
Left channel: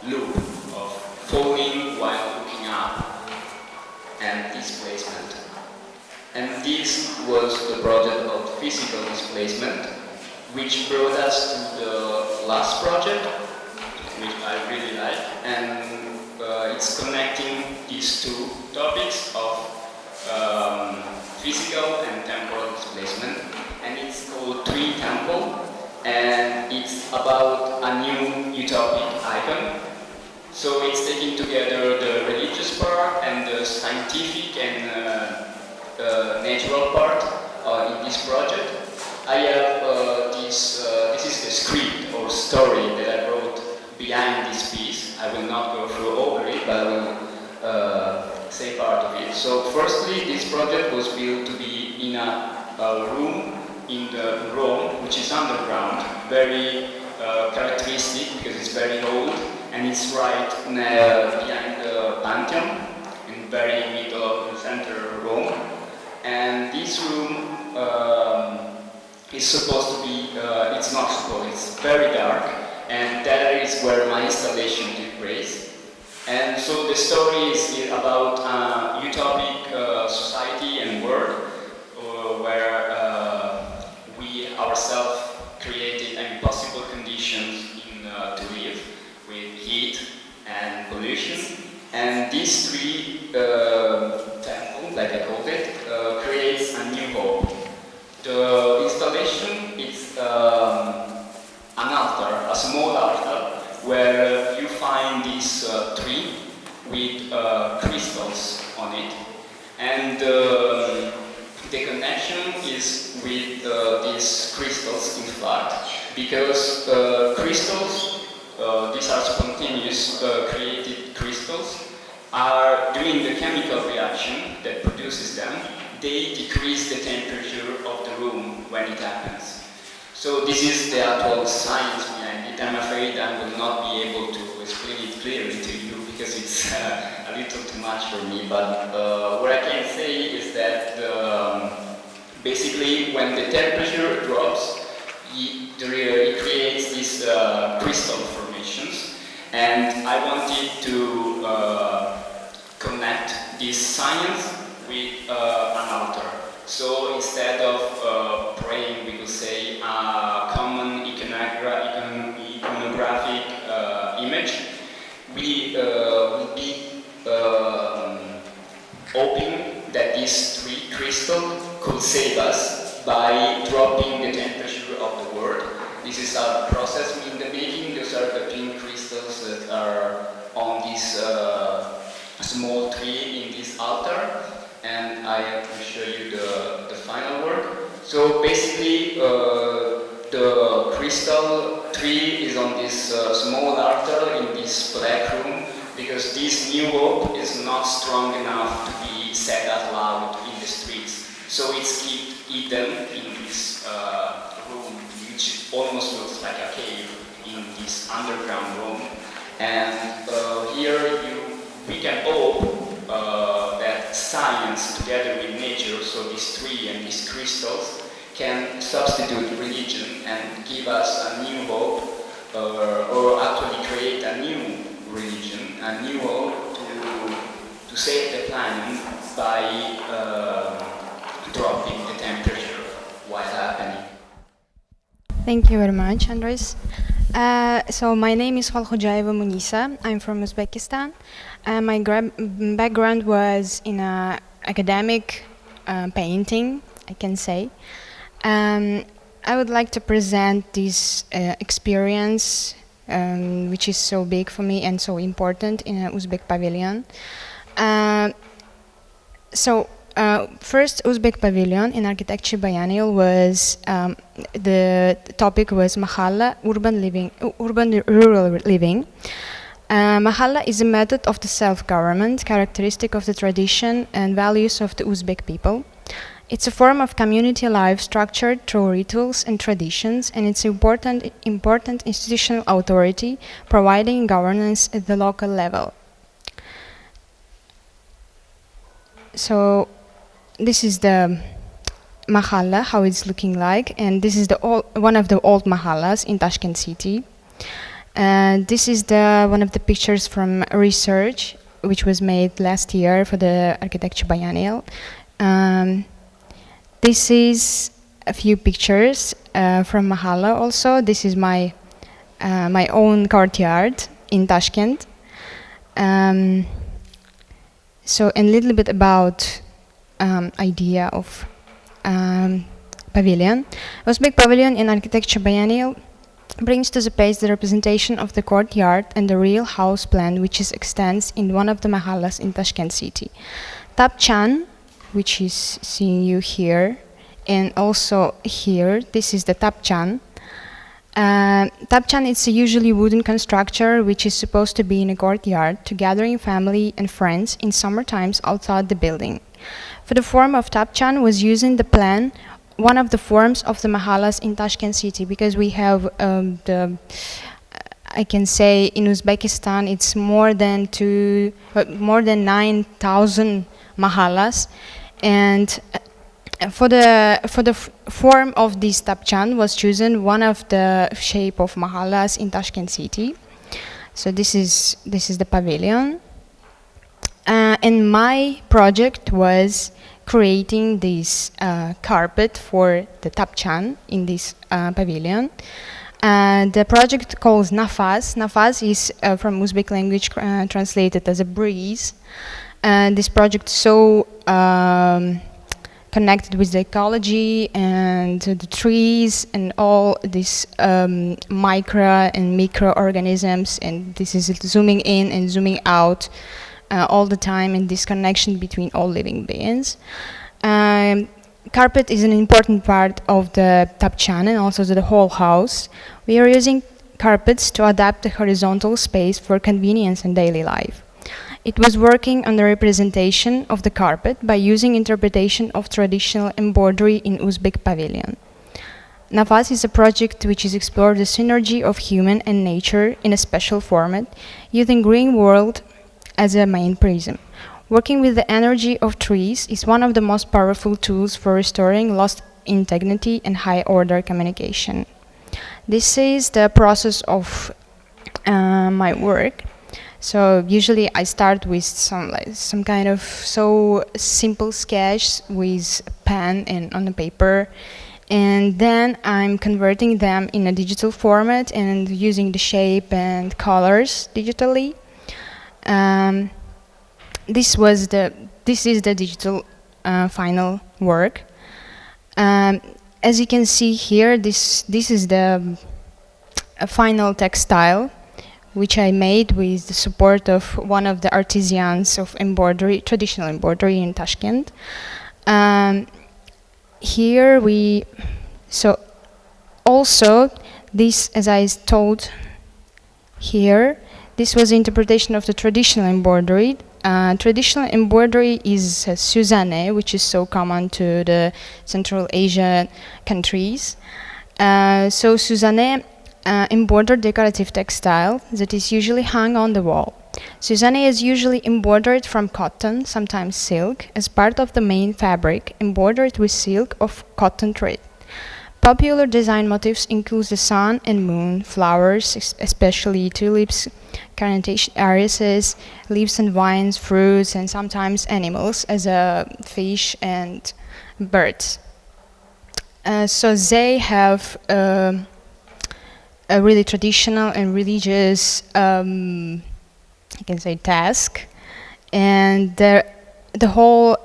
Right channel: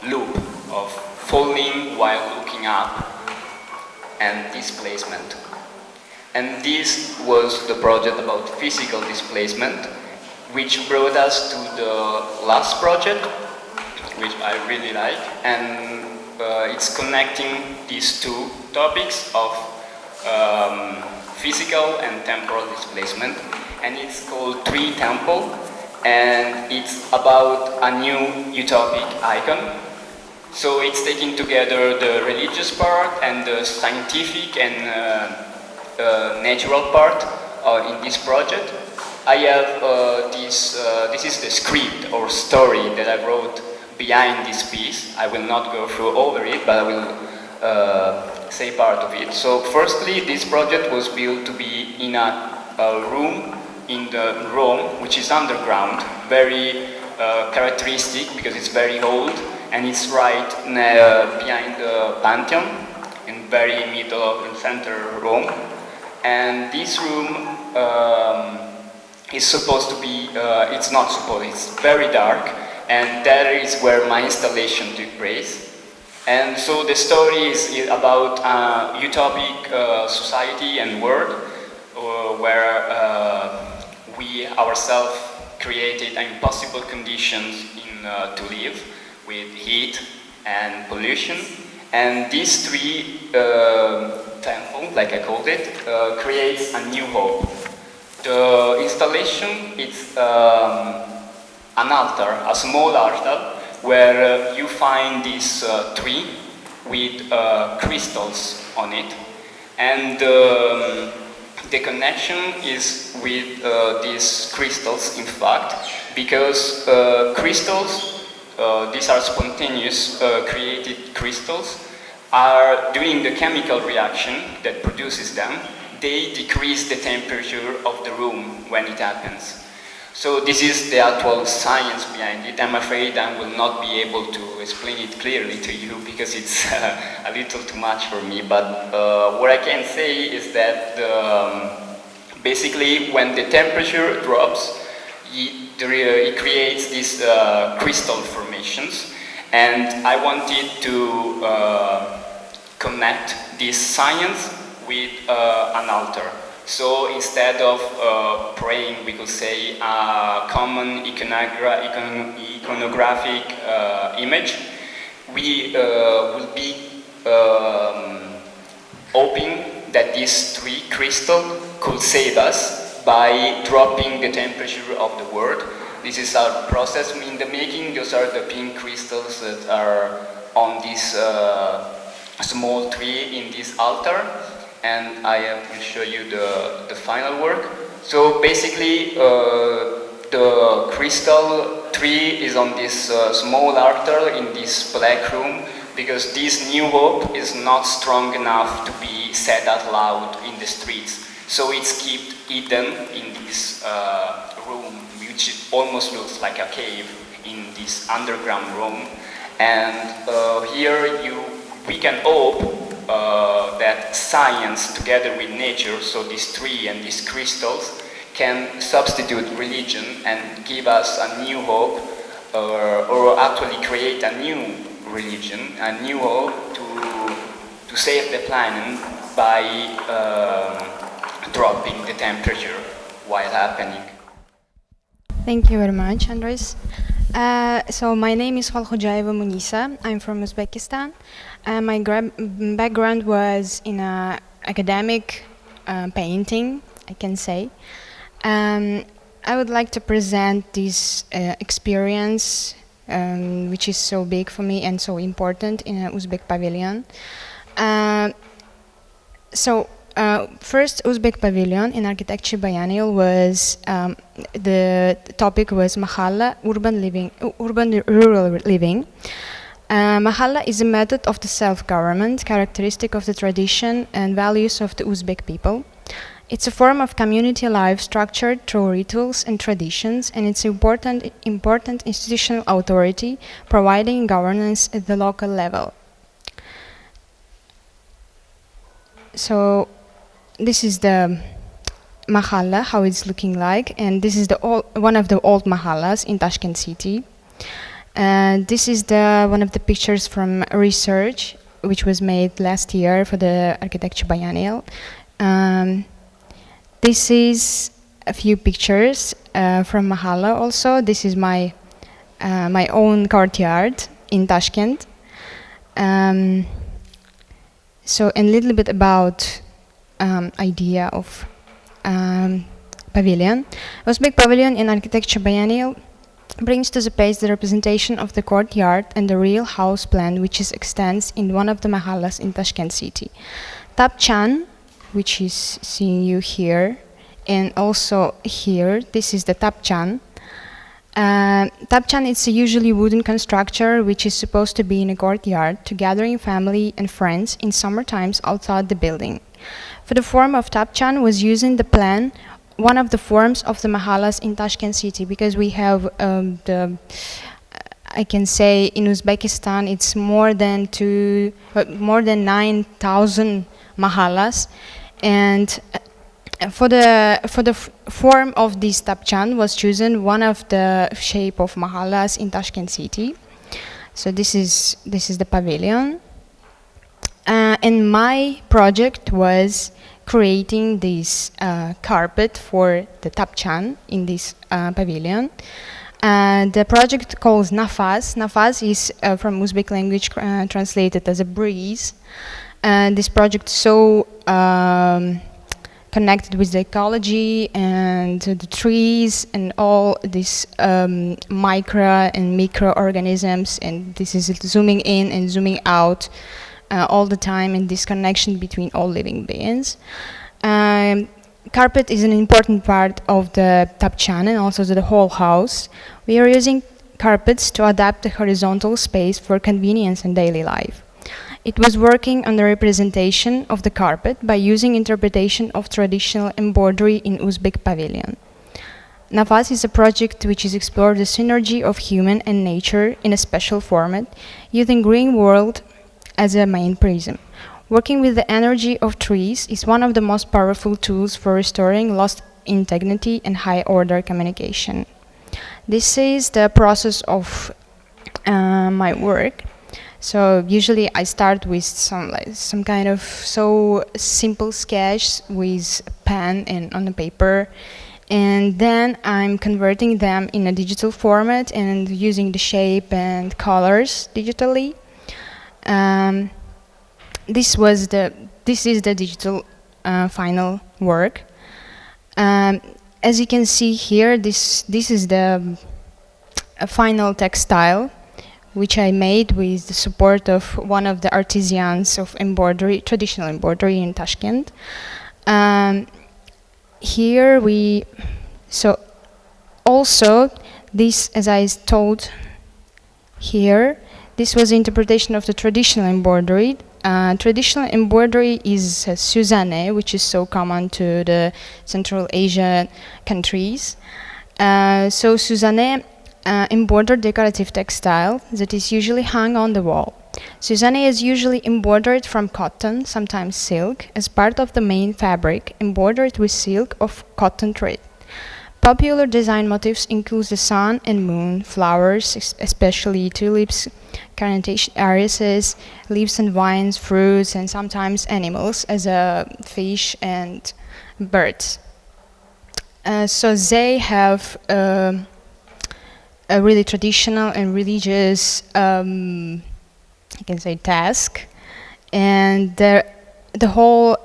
loop, of falling while looking up, and displacement. And this was the project about physical displacement, which brought us to the last project, which I really like, and it's connecting these two topics of physical and temporal displacement, and it's called Tree Temple, and it's about a new utopic icon. So it's taking together the religious part and the scientific and natural part in this project. I have this is the script or story that I wrote behind this piece. I will not go through over it, but I will say part of it. So firstly, this project was built to be in a room in the Rome, which is underground, very characteristic because it's very old, and it's right behind the Pantheon, in very middle of the center Rome. And this room is supposed to be, it's not supposed, it's very dark, and that is where my installation took place. And so the story is about a utopic society and world where we ourselves created impossible conditions to live, with heat and pollution. And these three temples, like I called it, creates a new hope. The installation is an altar, a small altar, where you find this tree with crystals on it. And the connection is with these crystals, in fact, because crystals, these are spontaneous created crystals, are doing the chemical reaction that produces them. They decrease the temperature of the room when it happens. So this is the actual science behind it. I'm afraid I will not be able to explain it clearly to you because it's a little too much for me, but what I can say is that basically when the temperature drops, it creates these crystal formations, and I wanted to connect this science with an altar. So instead of praying, we could say a common iconographic image, we will be hoping that this tree crystal could save us by dropping the temperature of the world. This is our process in the making. Those are the pink crystals that are on this small tree in this altar. And I will show you the final work. So basically, the crystal tree is on this small altar in this black room, because this new hope is not strong enough to be said out loud in the streets. So it's kept hidden in this room, which almost looks like a cave in this underground room. And here we can hope that science together with nature, so this tree and these crystals, can substitute religion and give us a new hope, or actually create a new religion, a new hope to save the planet by dropping the temperature while happening. Thank you very much, Andris. So my name is Kholkhujaeva Munisa. I'm from Uzbekistan. My background was in academic painting, I can say. I would like to present this experience, which is so big for me and so important in an Uzbek pavilion. First Uzbek pavilion in architecture biennial was the topic was Mahalla, rural living. Mahalla is a method of the self-government, characteristic of the tradition and values of the Uzbek people. It's a form of community life structured through rituals and traditions, and it's important institutional authority providing governance at the local level. So this is the mahalla, how it's looking like, and this is one of the old mahallas in Tashkent city. And this is one of the pictures from research which was made last year for the architecture biennial. This is a few pictures from mahalla also. This is my own courtyard in Tashkent. So a little bit about idea of pavilion. Uzbek pavilion in architecture biennial brings to the page the representation of the courtyard and the real house plan which extends in one of the mahallas in Tashkent city. Tapchan, which is seeing you here, and also here, this is the Tapchan. Tapchan is a usually wooden constructor which is supposed to be in a courtyard to gathering family and friends in summer times outside the building. For the form of Tapchan was using the plan, one of the forms of the mahallas in Tashkent city, because we have I can say in Uzbekistan it's more than 9,000 mahallas, and for the form of this Tapchan was chosen one of the shape of mahallas in Tashkent city. So this is the pavilion, and my project was creating this carpet for the Tapchan in this pavilion. The project calls Nafas. Nafas is from Uzbek language translated as a breeze. And this project is so connected with the ecology and the trees and all these micro and microorganisms, and this is zooming in and zooming out all the time, and this connection between all living beings. Carpet is an important part of the Tapchan and also the whole house. We are using carpets to adapt the horizontal space for convenience in daily life. It was working on the representation of the carpet by using interpretation of traditional embroidery in Uzbek pavilion. Nafas is a project which is explored the synergy of human and nature in a special format, using green world as a main prism. Working with the energy of trees is one of the most powerful tools for restoring lost integrity and high-order communication. This is the process of my work. So usually I start with some kind of so simple sketch with a pen and on the paper, and then I'm converting them in a digital format and using the shape and colors digitally. This is the digital final work. As you can see here, this is the final textile which I made with the support of one of the artisans of embroidery, traditional embroidery in Tashkent. So also this, as I told here, this was the interpretation of the traditional embroidery. Traditional embroidery is Suzanne, which is so common to the Central Asian countries. So Suzanne embroidered decorative textile that is usually hung on the wall. Suzanne is usually embroidered from cotton, sometimes silk, as part of the main fabric, embroidered with silk of cotton thread. Popular design motifs include the sun and moon, flowers, especially tulips, carnation irises, leaves and vines, fruits, and sometimes animals, as fish and birds. So they have a really traditional and religious, I can say, task, and the whole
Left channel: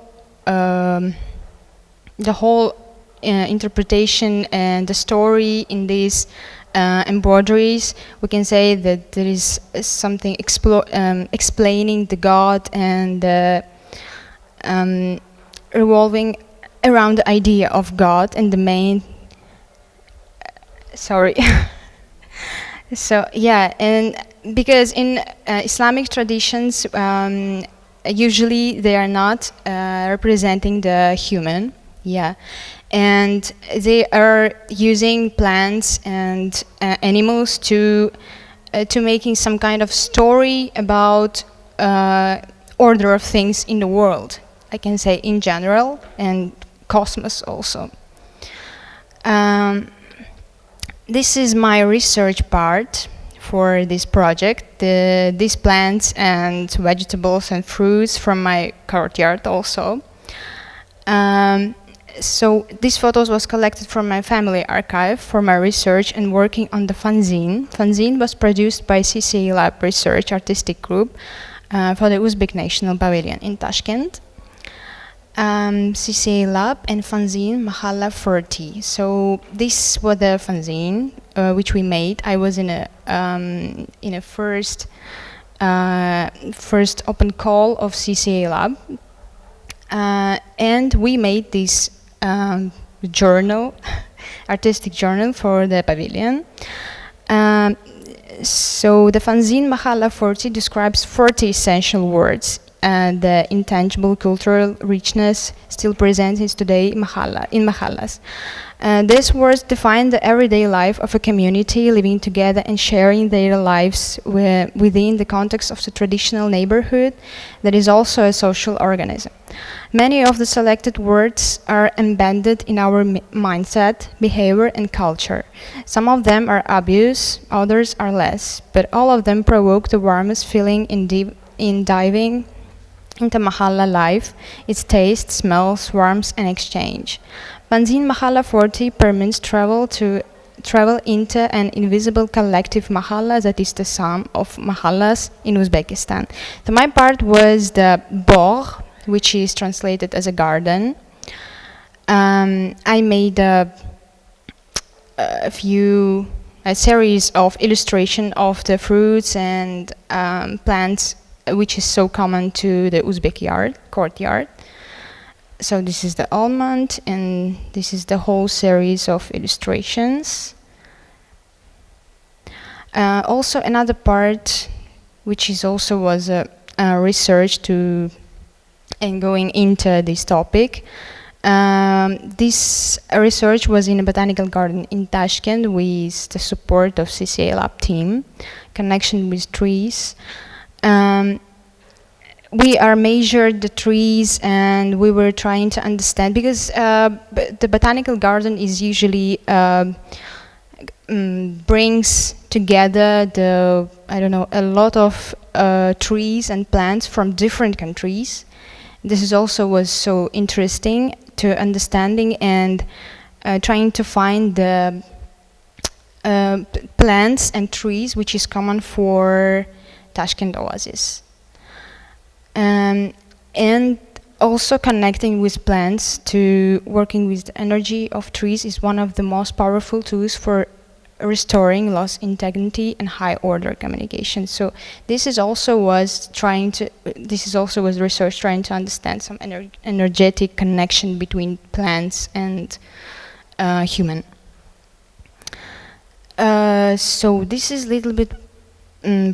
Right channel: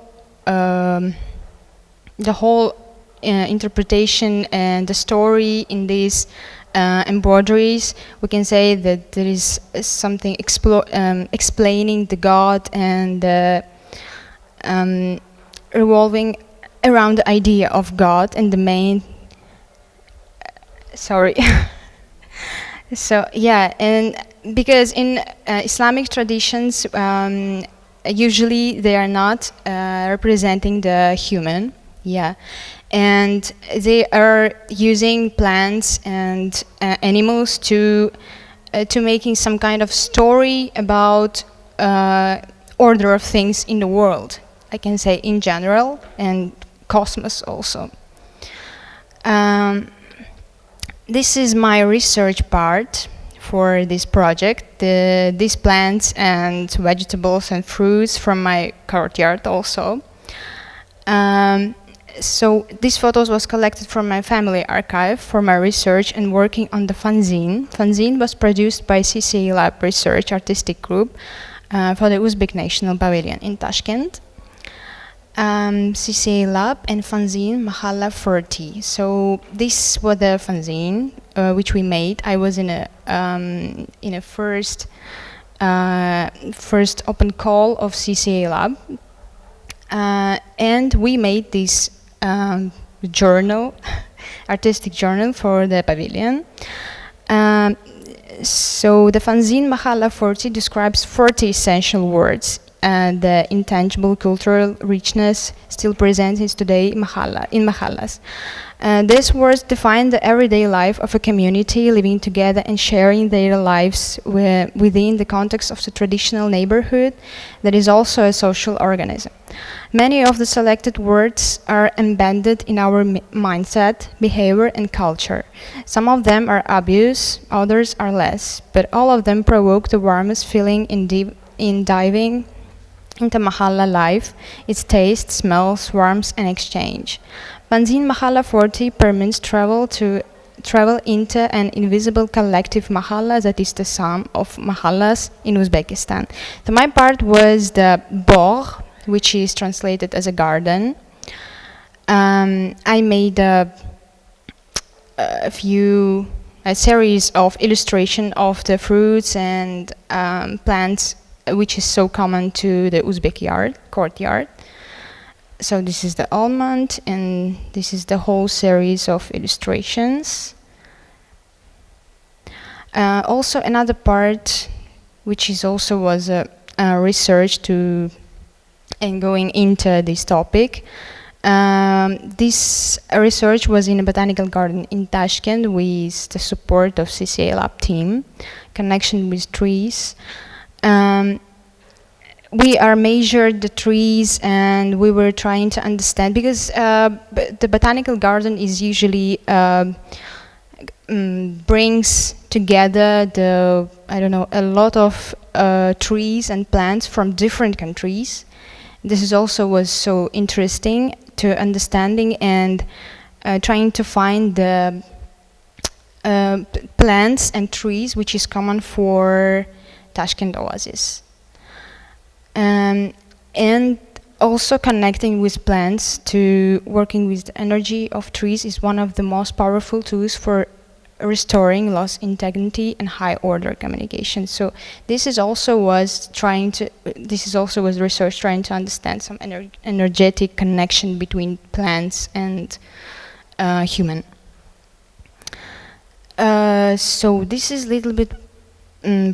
interpretation and the story in this embroideries, we can say that there is something explaining the God and revolving around the idea of God and the main. Sorry. So yeah, and because in Islamic traditions, usually they are not representing the human. Yeah. And they are using plants and animals to making some kind of story about order of things in the world. I can say in general, and cosmos also. This is my research part for this project. These plants and vegetables and fruits from my courtyard also. So these photos was collected from my family archive for my research and working on the fanzine. Fanzine was produced by CCA Lab Research Artistic Group for the Uzbek National Pavilion in Tashkent. CCA Lab and fanzine Mahalla 40. So this was the fanzine which we made. I was in a first open call of CCA Lab, and we made this journal, artistic journal for the pavilion. So the fanzine Mahalla 40 describes 40 essential words. The intangible cultural richness still present is today in mahallas. These words define the everyday life of a community living together and sharing their lives within the context of the traditional neighborhood that is also a social organism. Many of the selected words are embedded in our mindset, behavior and culture. Some of them are obvious, others are less, but all of them provoke the warmest feeling in diving into Mahalla life, its taste, smells, warmth and exchange. Fanzine Mahalla 40 permits travel into an invisible collective Mahalla that is the sum of Mahallas in Uzbekistan. So my part was the Bor, which is translated as a garden. I made a series of illustration of the fruits and plants which is so common to the Uzbek courtyard. So this is the almond, and this is the whole series of illustrations. Also another part, which is also was a research and going into this topic. This research was in a botanical garden in Tashkent with the support of CCA Lab team, connection with trees. We are measured the trees and we were trying to understand, because the botanical garden is usually brings together a lot of trees and plants from different countries. This is also was so interesting to understanding and trying to find the plants and trees which is common for Tashkent Oasis. And also connecting with plants to working with the energy of trees is one of the most powerful tools for restoring lost integrity and high order communication. So this is also was research trying to understand some energetic connection between plants and human. So this is a little bit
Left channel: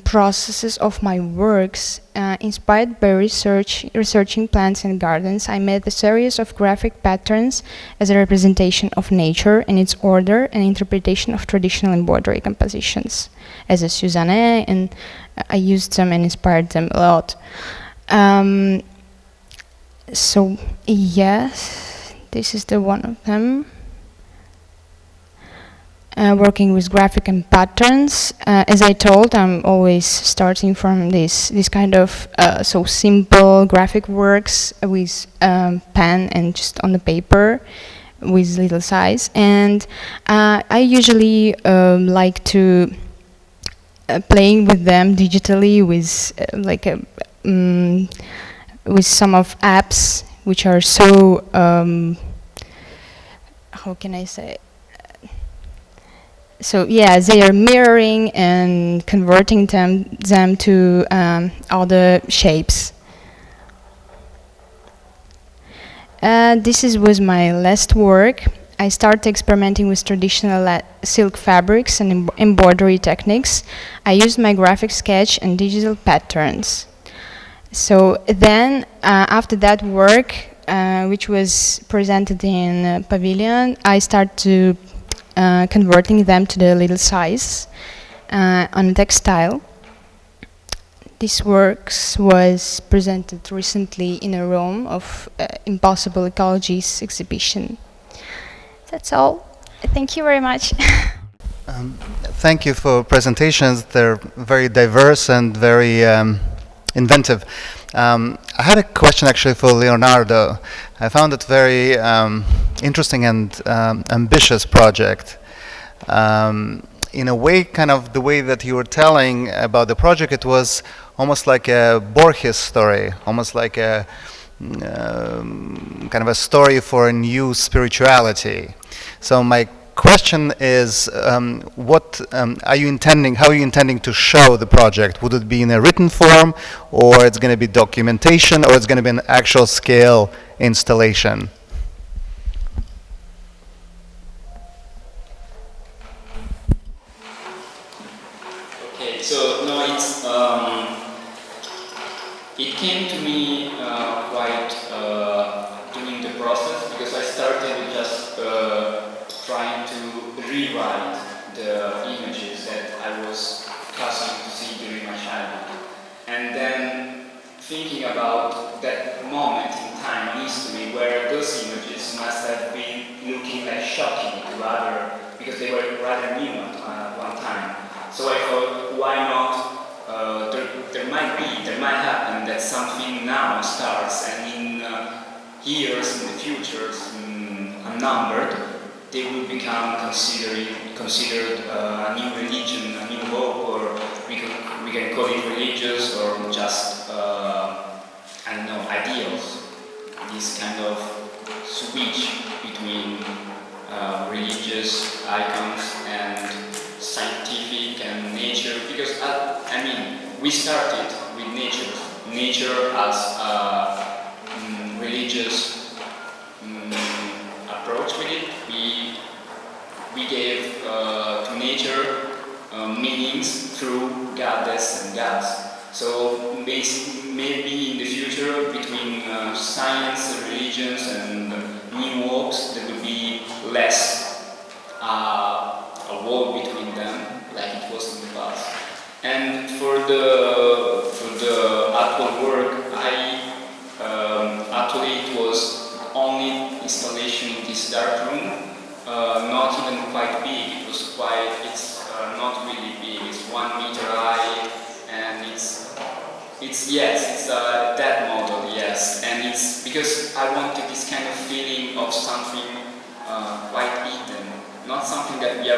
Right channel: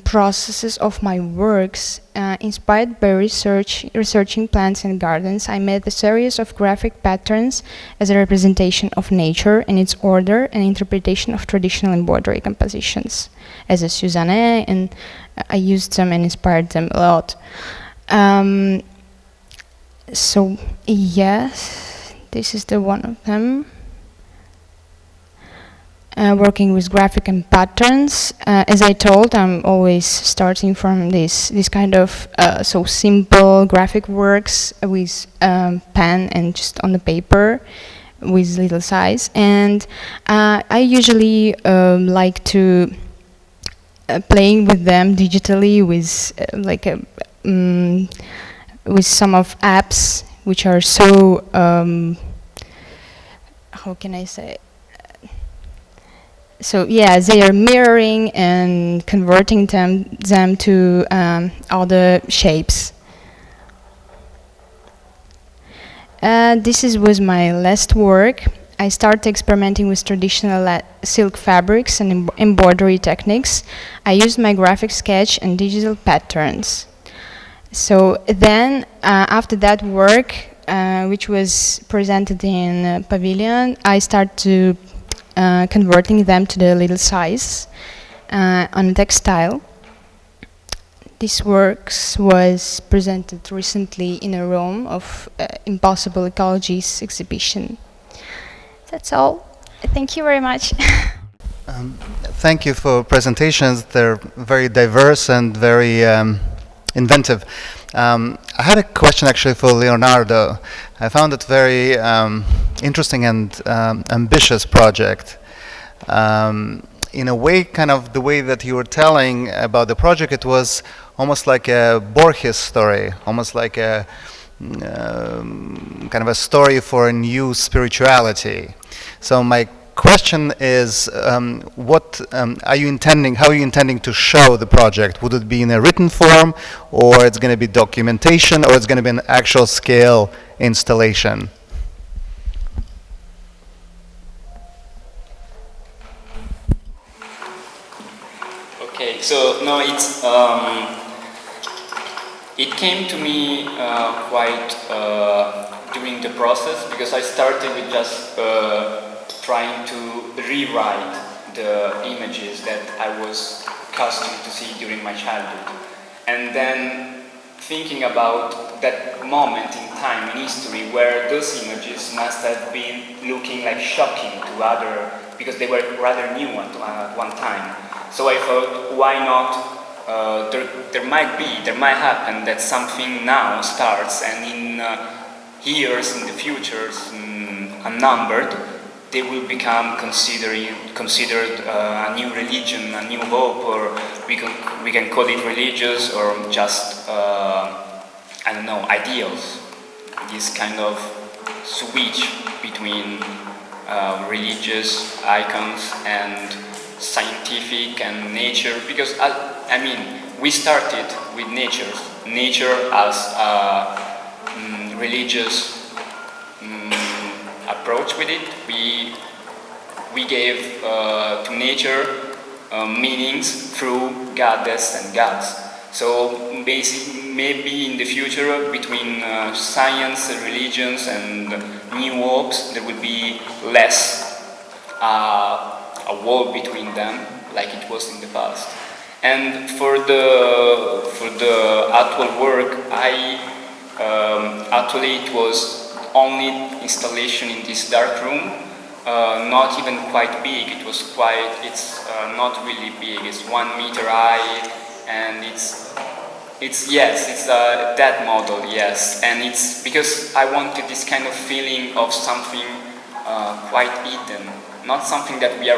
processes of my works. Inspired by researching plants and gardens, I made a series of graphic patterns as a representation of nature and its order and interpretation of traditional embroidery compositions as a Suzanne, and I used them and inspired them a lot. So yes, this is the one of them. Working with graphic and patterns. As I told, I'm always starting from this kind of so simple graphic works with pen and just on the paper with little size. And I usually like to playing with them digitally with with some of apps which are so how can I say, So yeah, they are mirroring and converting them to other shapes. Was my last work. I started experimenting with traditional silk fabrics and embroidery techniques. I used my graphic sketch and digital patterns. So then, after that work, which was presented in Pavilion, I started to converting them to the little size on textile. This works was presented recently in a Rome of Impossible Ecologies exhibition. That's all. Thank you very much. Thank you for presentations. They're very diverse and very inventive. I had a question actually for Leonardo. I found it very interesting and ambitious project. In a way, kind of the way that you were telling about the project, it was almost like a Borges story, almost like a kind of a story for a new spirituality. So my question is, what are you intending? How are you intending to show the project? Would it be in a written form, or it's going to be documentation, or it's going to be an actual scale installation? Okay, so no, it came to me quite during the process, because I started with just trying to rewrite the images that I was accustomed to see during my childhood. And then thinking about that moment in time in history where those images must have been looking like shocking to other, because they were rather new at one time. So I thought, why not, there might happen that something now starts, and in years in the future, unnumbered, they will become considered a new religion, a new hope, or we can call it religious, or just I don't know, ideals. This kind of switch between religious icons and scientific and nature, because I mean, we started with nature as a religious approach with it. We gave to nature meanings through goddess and gods. So basically, maybe in the future, between science, religions, and new hopes, there will be less a wall between them, like it was in the past. And for the actual work, actually it was only installation in this dark room, not even quite big. It's not really big. It's 1 meter high, and it's that model, yes. And it's because I wanted this kind of feeling of something quite hidden, not something that we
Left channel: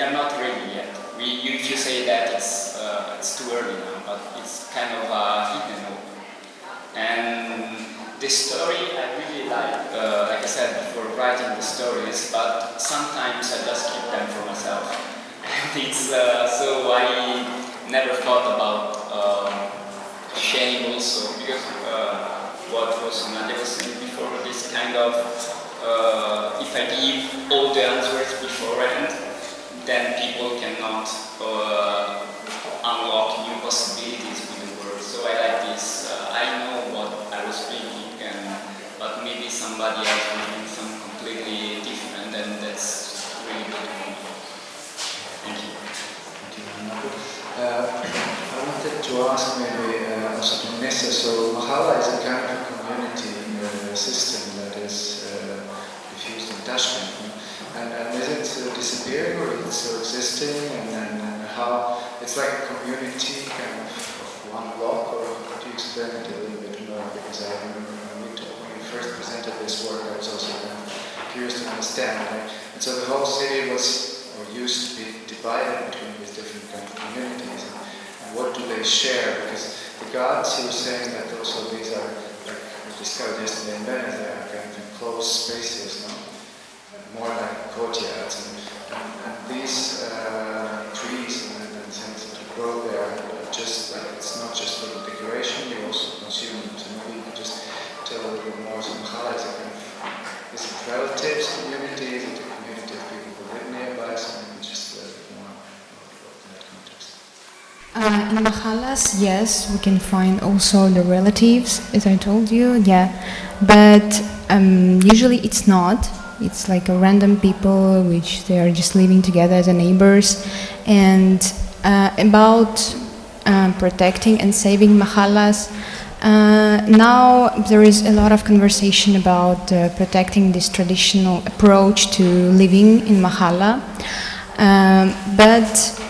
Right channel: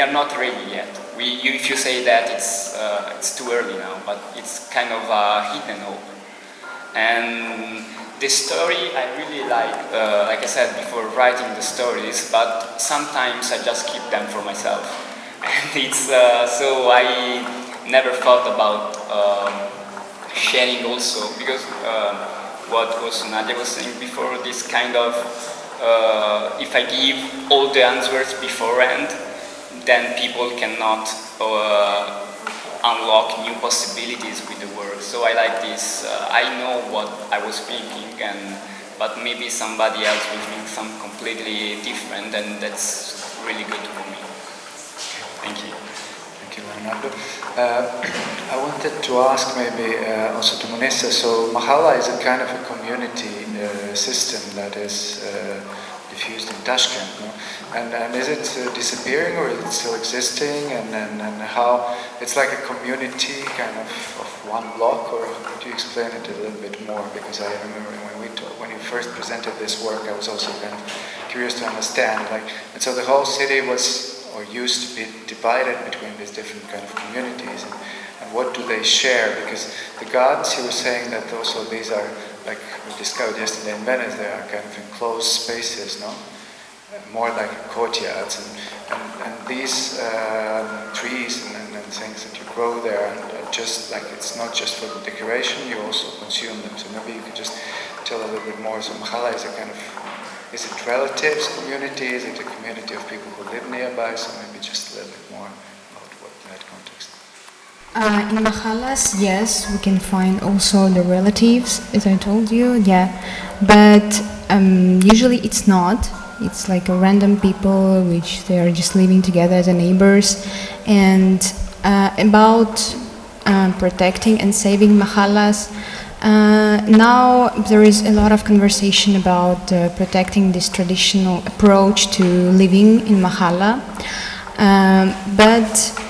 are not ready yet. If you say that, it's too early now, but it's kind of hidden hope. And the story I really like I said before, writing the stories, but sometimes I just keep them for myself. And it's so I never thought about sharing also, because what was Nadia was saying before, this kind of if I give all the answers beforehand, then people cannot unlock new possibilities with the world. So I like this. I know what I was thinking, but maybe somebody else will do something completely different, and that's really good for me. Thank you. Thank you, Leonardo. I wanted to ask maybe also to Munisa, so Mahala is a kind of a community system that is diffused in Tashkent, no? And is it disappearing, or is it still existing? And how it's like a community kind of one block, or could you explain it a little bit more? Because I remember when you first presented this work, I was also kind of curious to understand. And so the whole city was, or used to be, divided between these different kind of communities. And what do they share? Because the gods, you were saying that also these are, like we discovered yesterday in Venice, they are kind of enclosed spaces, no? more like courtyards, and these trees and things that you grow there, just like it's not just for the decoration, you also consume them. So maybe you could just tell a little bit more. So Mahala is a kind of, is it relatives community? Is it a community of people who live nearby? So maybe just a little bit more about what that context. In Mahalas, yes, we can find also the relatives, as I told you, yeah. But usually it's not. It's like a random people which they are just living together as neighbors. And about protecting and saving Mahalas, now there is a lot of conversation about protecting this traditional approach to living in Mahala. But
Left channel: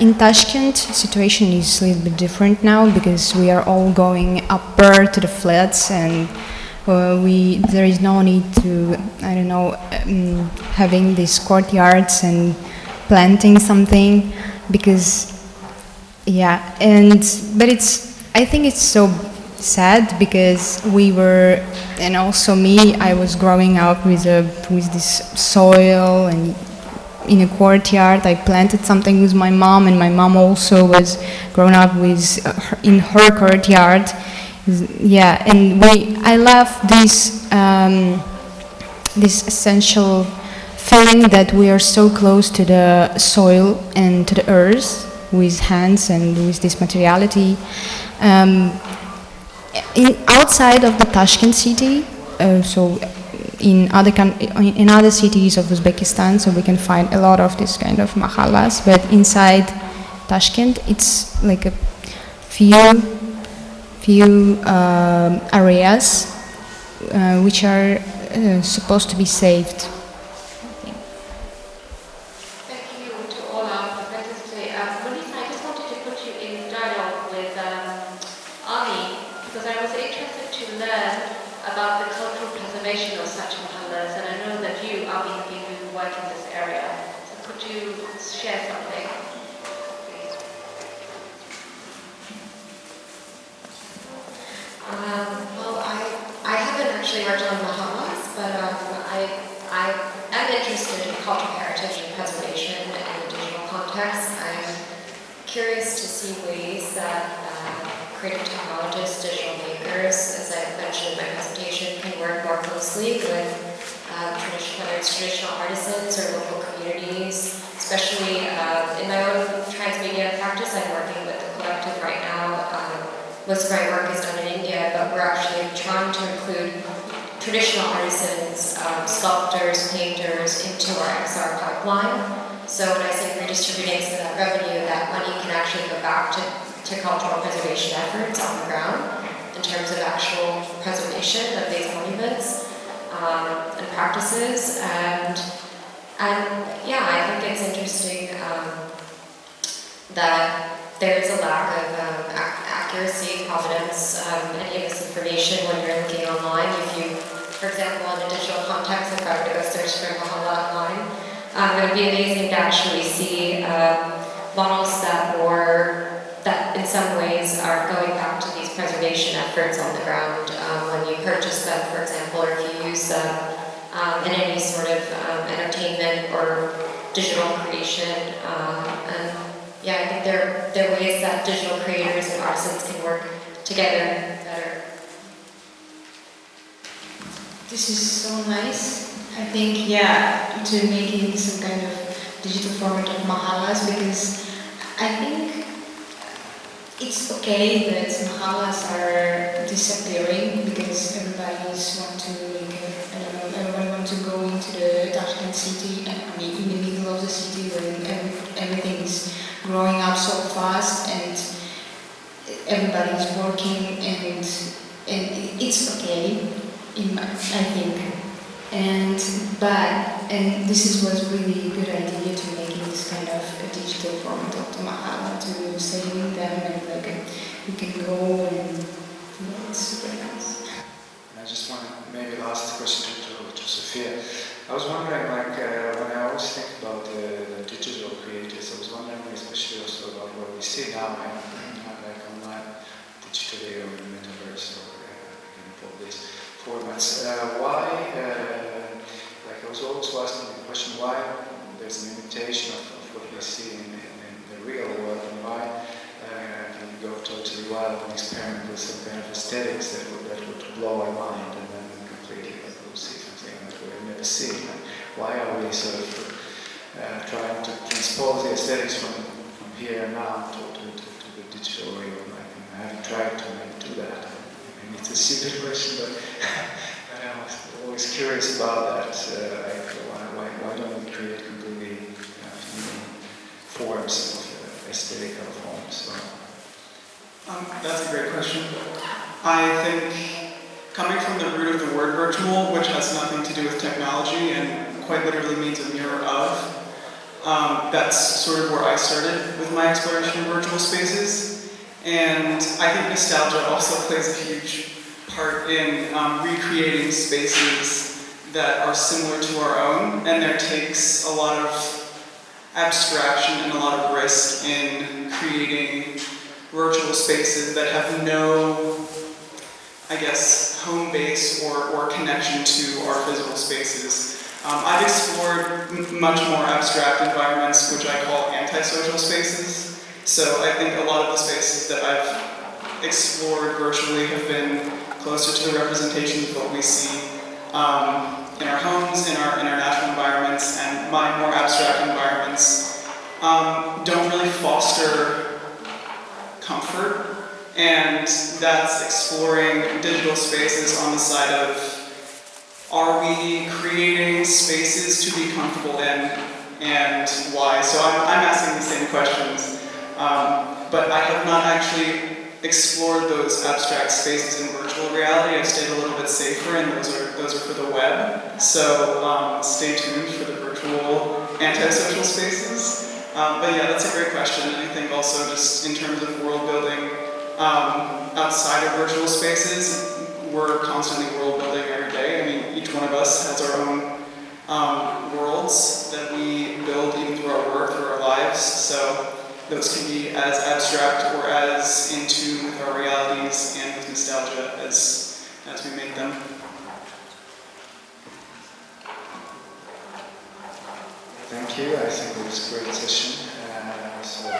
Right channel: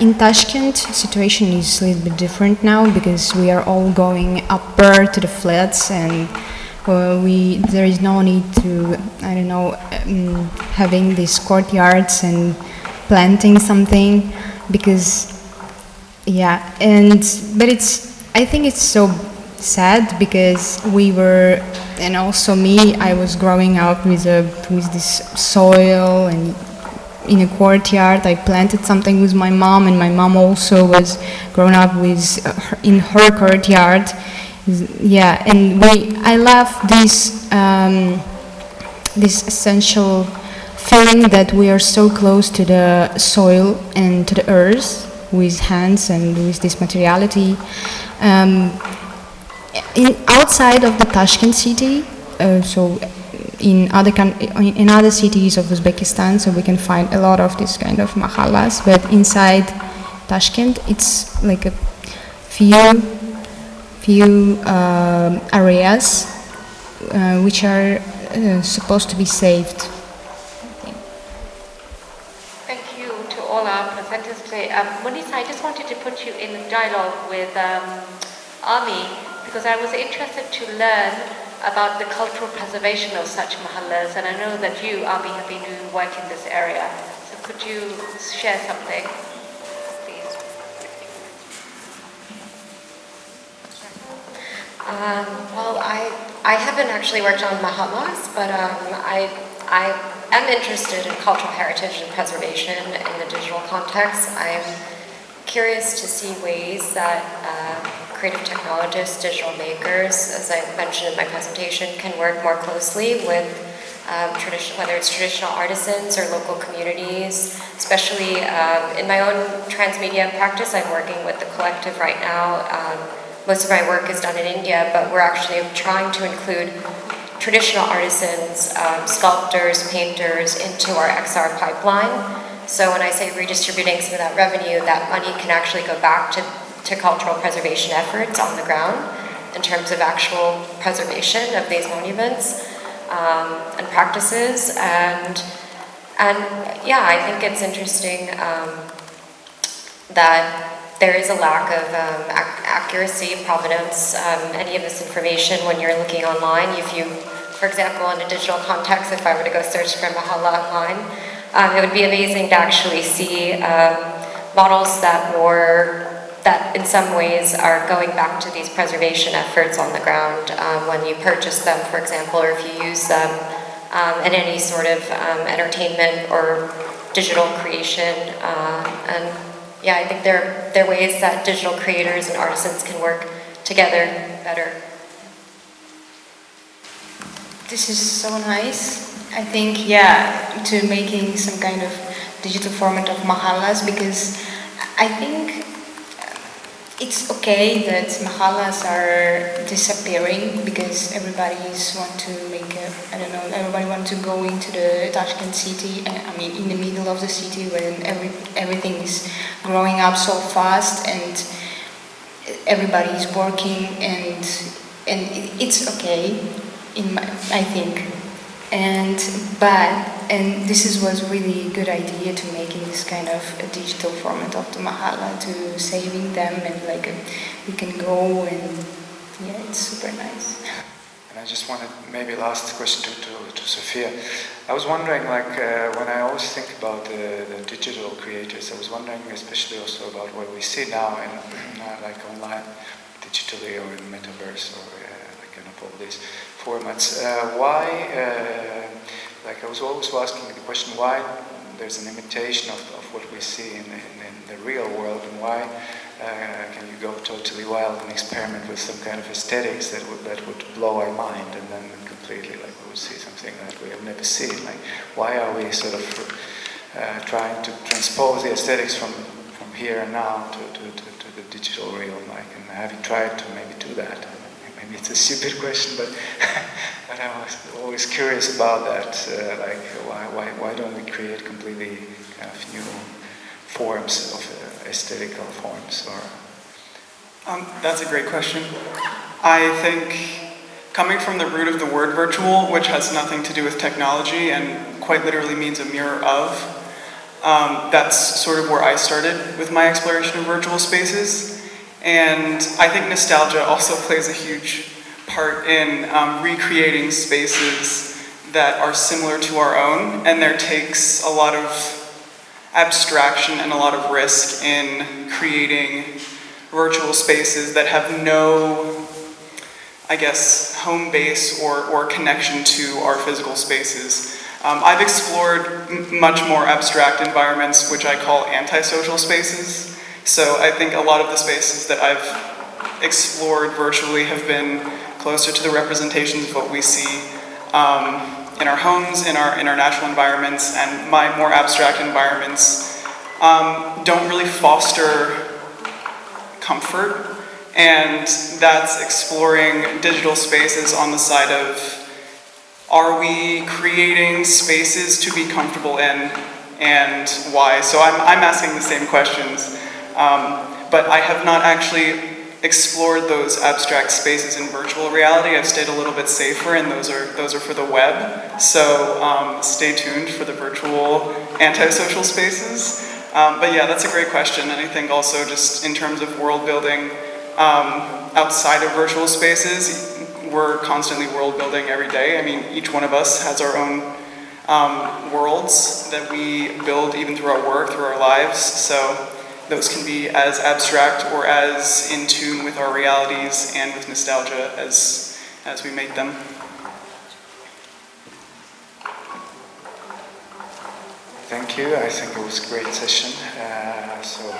in Tashkent, situation is a little bit different now because we are all going upper to the flats, and there is no need to, I don't know, having these courtyards and planting something, because, yeah, but I think it's so sad because we were, and also me, I was growing up with this soil and in a courtyard. I planted something with my mom, and my mom also was grown up in her courtyard. Yeah, and I love this essential feeling that we are so close to the soil and to the earth with hands and with this materiality. Outside of the Tashkent city, so in other cities of Uzbekistan, so we can find a lot of this kind of mahalas, but inside Tashkent, it's like a few areas which are supposed to be saved. Thank you to all our presenters today. Munisa, I just wanted to put you in dialogue with Ami, because I was interested to learn about the cultural preservation of such mahallas, and I know that you, Ami, have been doing work in this area. So could you share something, please? Well, I haven't actually worked on mahallas, but I am interested in cultural heritage and preservation in the digital context. I'm curious to see ways that creative technologists, digital makers, as I mentioned in my presentation, can work more closely with whether it's traditional artisans or local communities. Especially in my own transmedia practice, I'm working with the collective right now. Most of my work is done in India, but we're actually trying to include traditional artisans, sculptors, painters into our XR pipeline. So when I say redistributing some of that revenue, that money can actually go back to cultural preservation efforts on the ground in terms of actual preservation of these monuments and practices. And yeah, I think it's interesting that there is a lack of accuracy, provenance, any of this information when you're looking online. If you, for example, in a digital context, if I were to go search for Mahala online, it would be amazing to actually see models that in some ways are going back to these preservation efforts on the ground when you purchase them, for example, or if you use them in any sort of entertainment or digital creation. And yeah, I think there are ways that digital creators and artisans can work together better. This is so nice. I think, yeah, to making some kind of digital format of mahalas, because I think it's okay that mahalas are disappearing because everybody want to everybody want to go into the Tashkent city, and I mean in the middle of the city where everything is growing up so fast and everybody is working, and it's okay, I think. And this was really good idea to making this kind of a digital format of the mahala, to saving them, and like you can go, and yeah, it's super nice. And I just wanted, maybe last question to Sophia. I was wondering, like, when I always think about the digital creators, I was wondering especially also about what we see now, like online, digitally, or in metaverse, or kind of all these formats. Why like I was always asking the question why there's an imitation of what we see in the real world, and why can you go totally wild and experiment with some kind of aesthetics that would blow our mind, and then completely like we'll see something that we have never seen. Like, why are we sort of trying to transpose the aesthetics from here and now to the digital realm? Like, and have you tried to maybe do that? Maybe it's a stupid question, but but I was always curious about that. Like, why don't we create completely kind of new forms of aesthetical forms? That's a great question. I think coming from the root of the word virtual, which has nothing to do with technology and quite literally means a mirror of, that's sort of where I started with my exploration of virtual spaces. And I think nostalgia also plays a huge part in recreating spaces that are similar to our own, and there takes a lot of abstraction and a lot of risk in creating virtual spaces that have no, I guess, home base or connection to our physical spaces. I've explored much more abstract environments, which I call antisocial spaces. So I think a lot of the spaces that I've explored virtually have been closer to the representations of what we see in our homes, in our natural environments, and my more abstract environments don't really foster comfort, and that's exploring digital spaces on the side of, are we creating spaces to be comfortable in, and why? So I'm asking the same questions, but I have not actually explored those abstract spaces in virtual reality. I've stayed a little bit safer, and those are for the web. So stay tuned for the virtual antisocial spaces. But yeah, that's a great question. And I think also just in terms of world building outside of virtual spaces, we're constantly world building every day. I mean, each one of us has our own worlds that we build even through our work, through our lives. So those can be as abstract or as in tune with our realities and with nostalgia as we make them. Thank you. I think it was a great session. So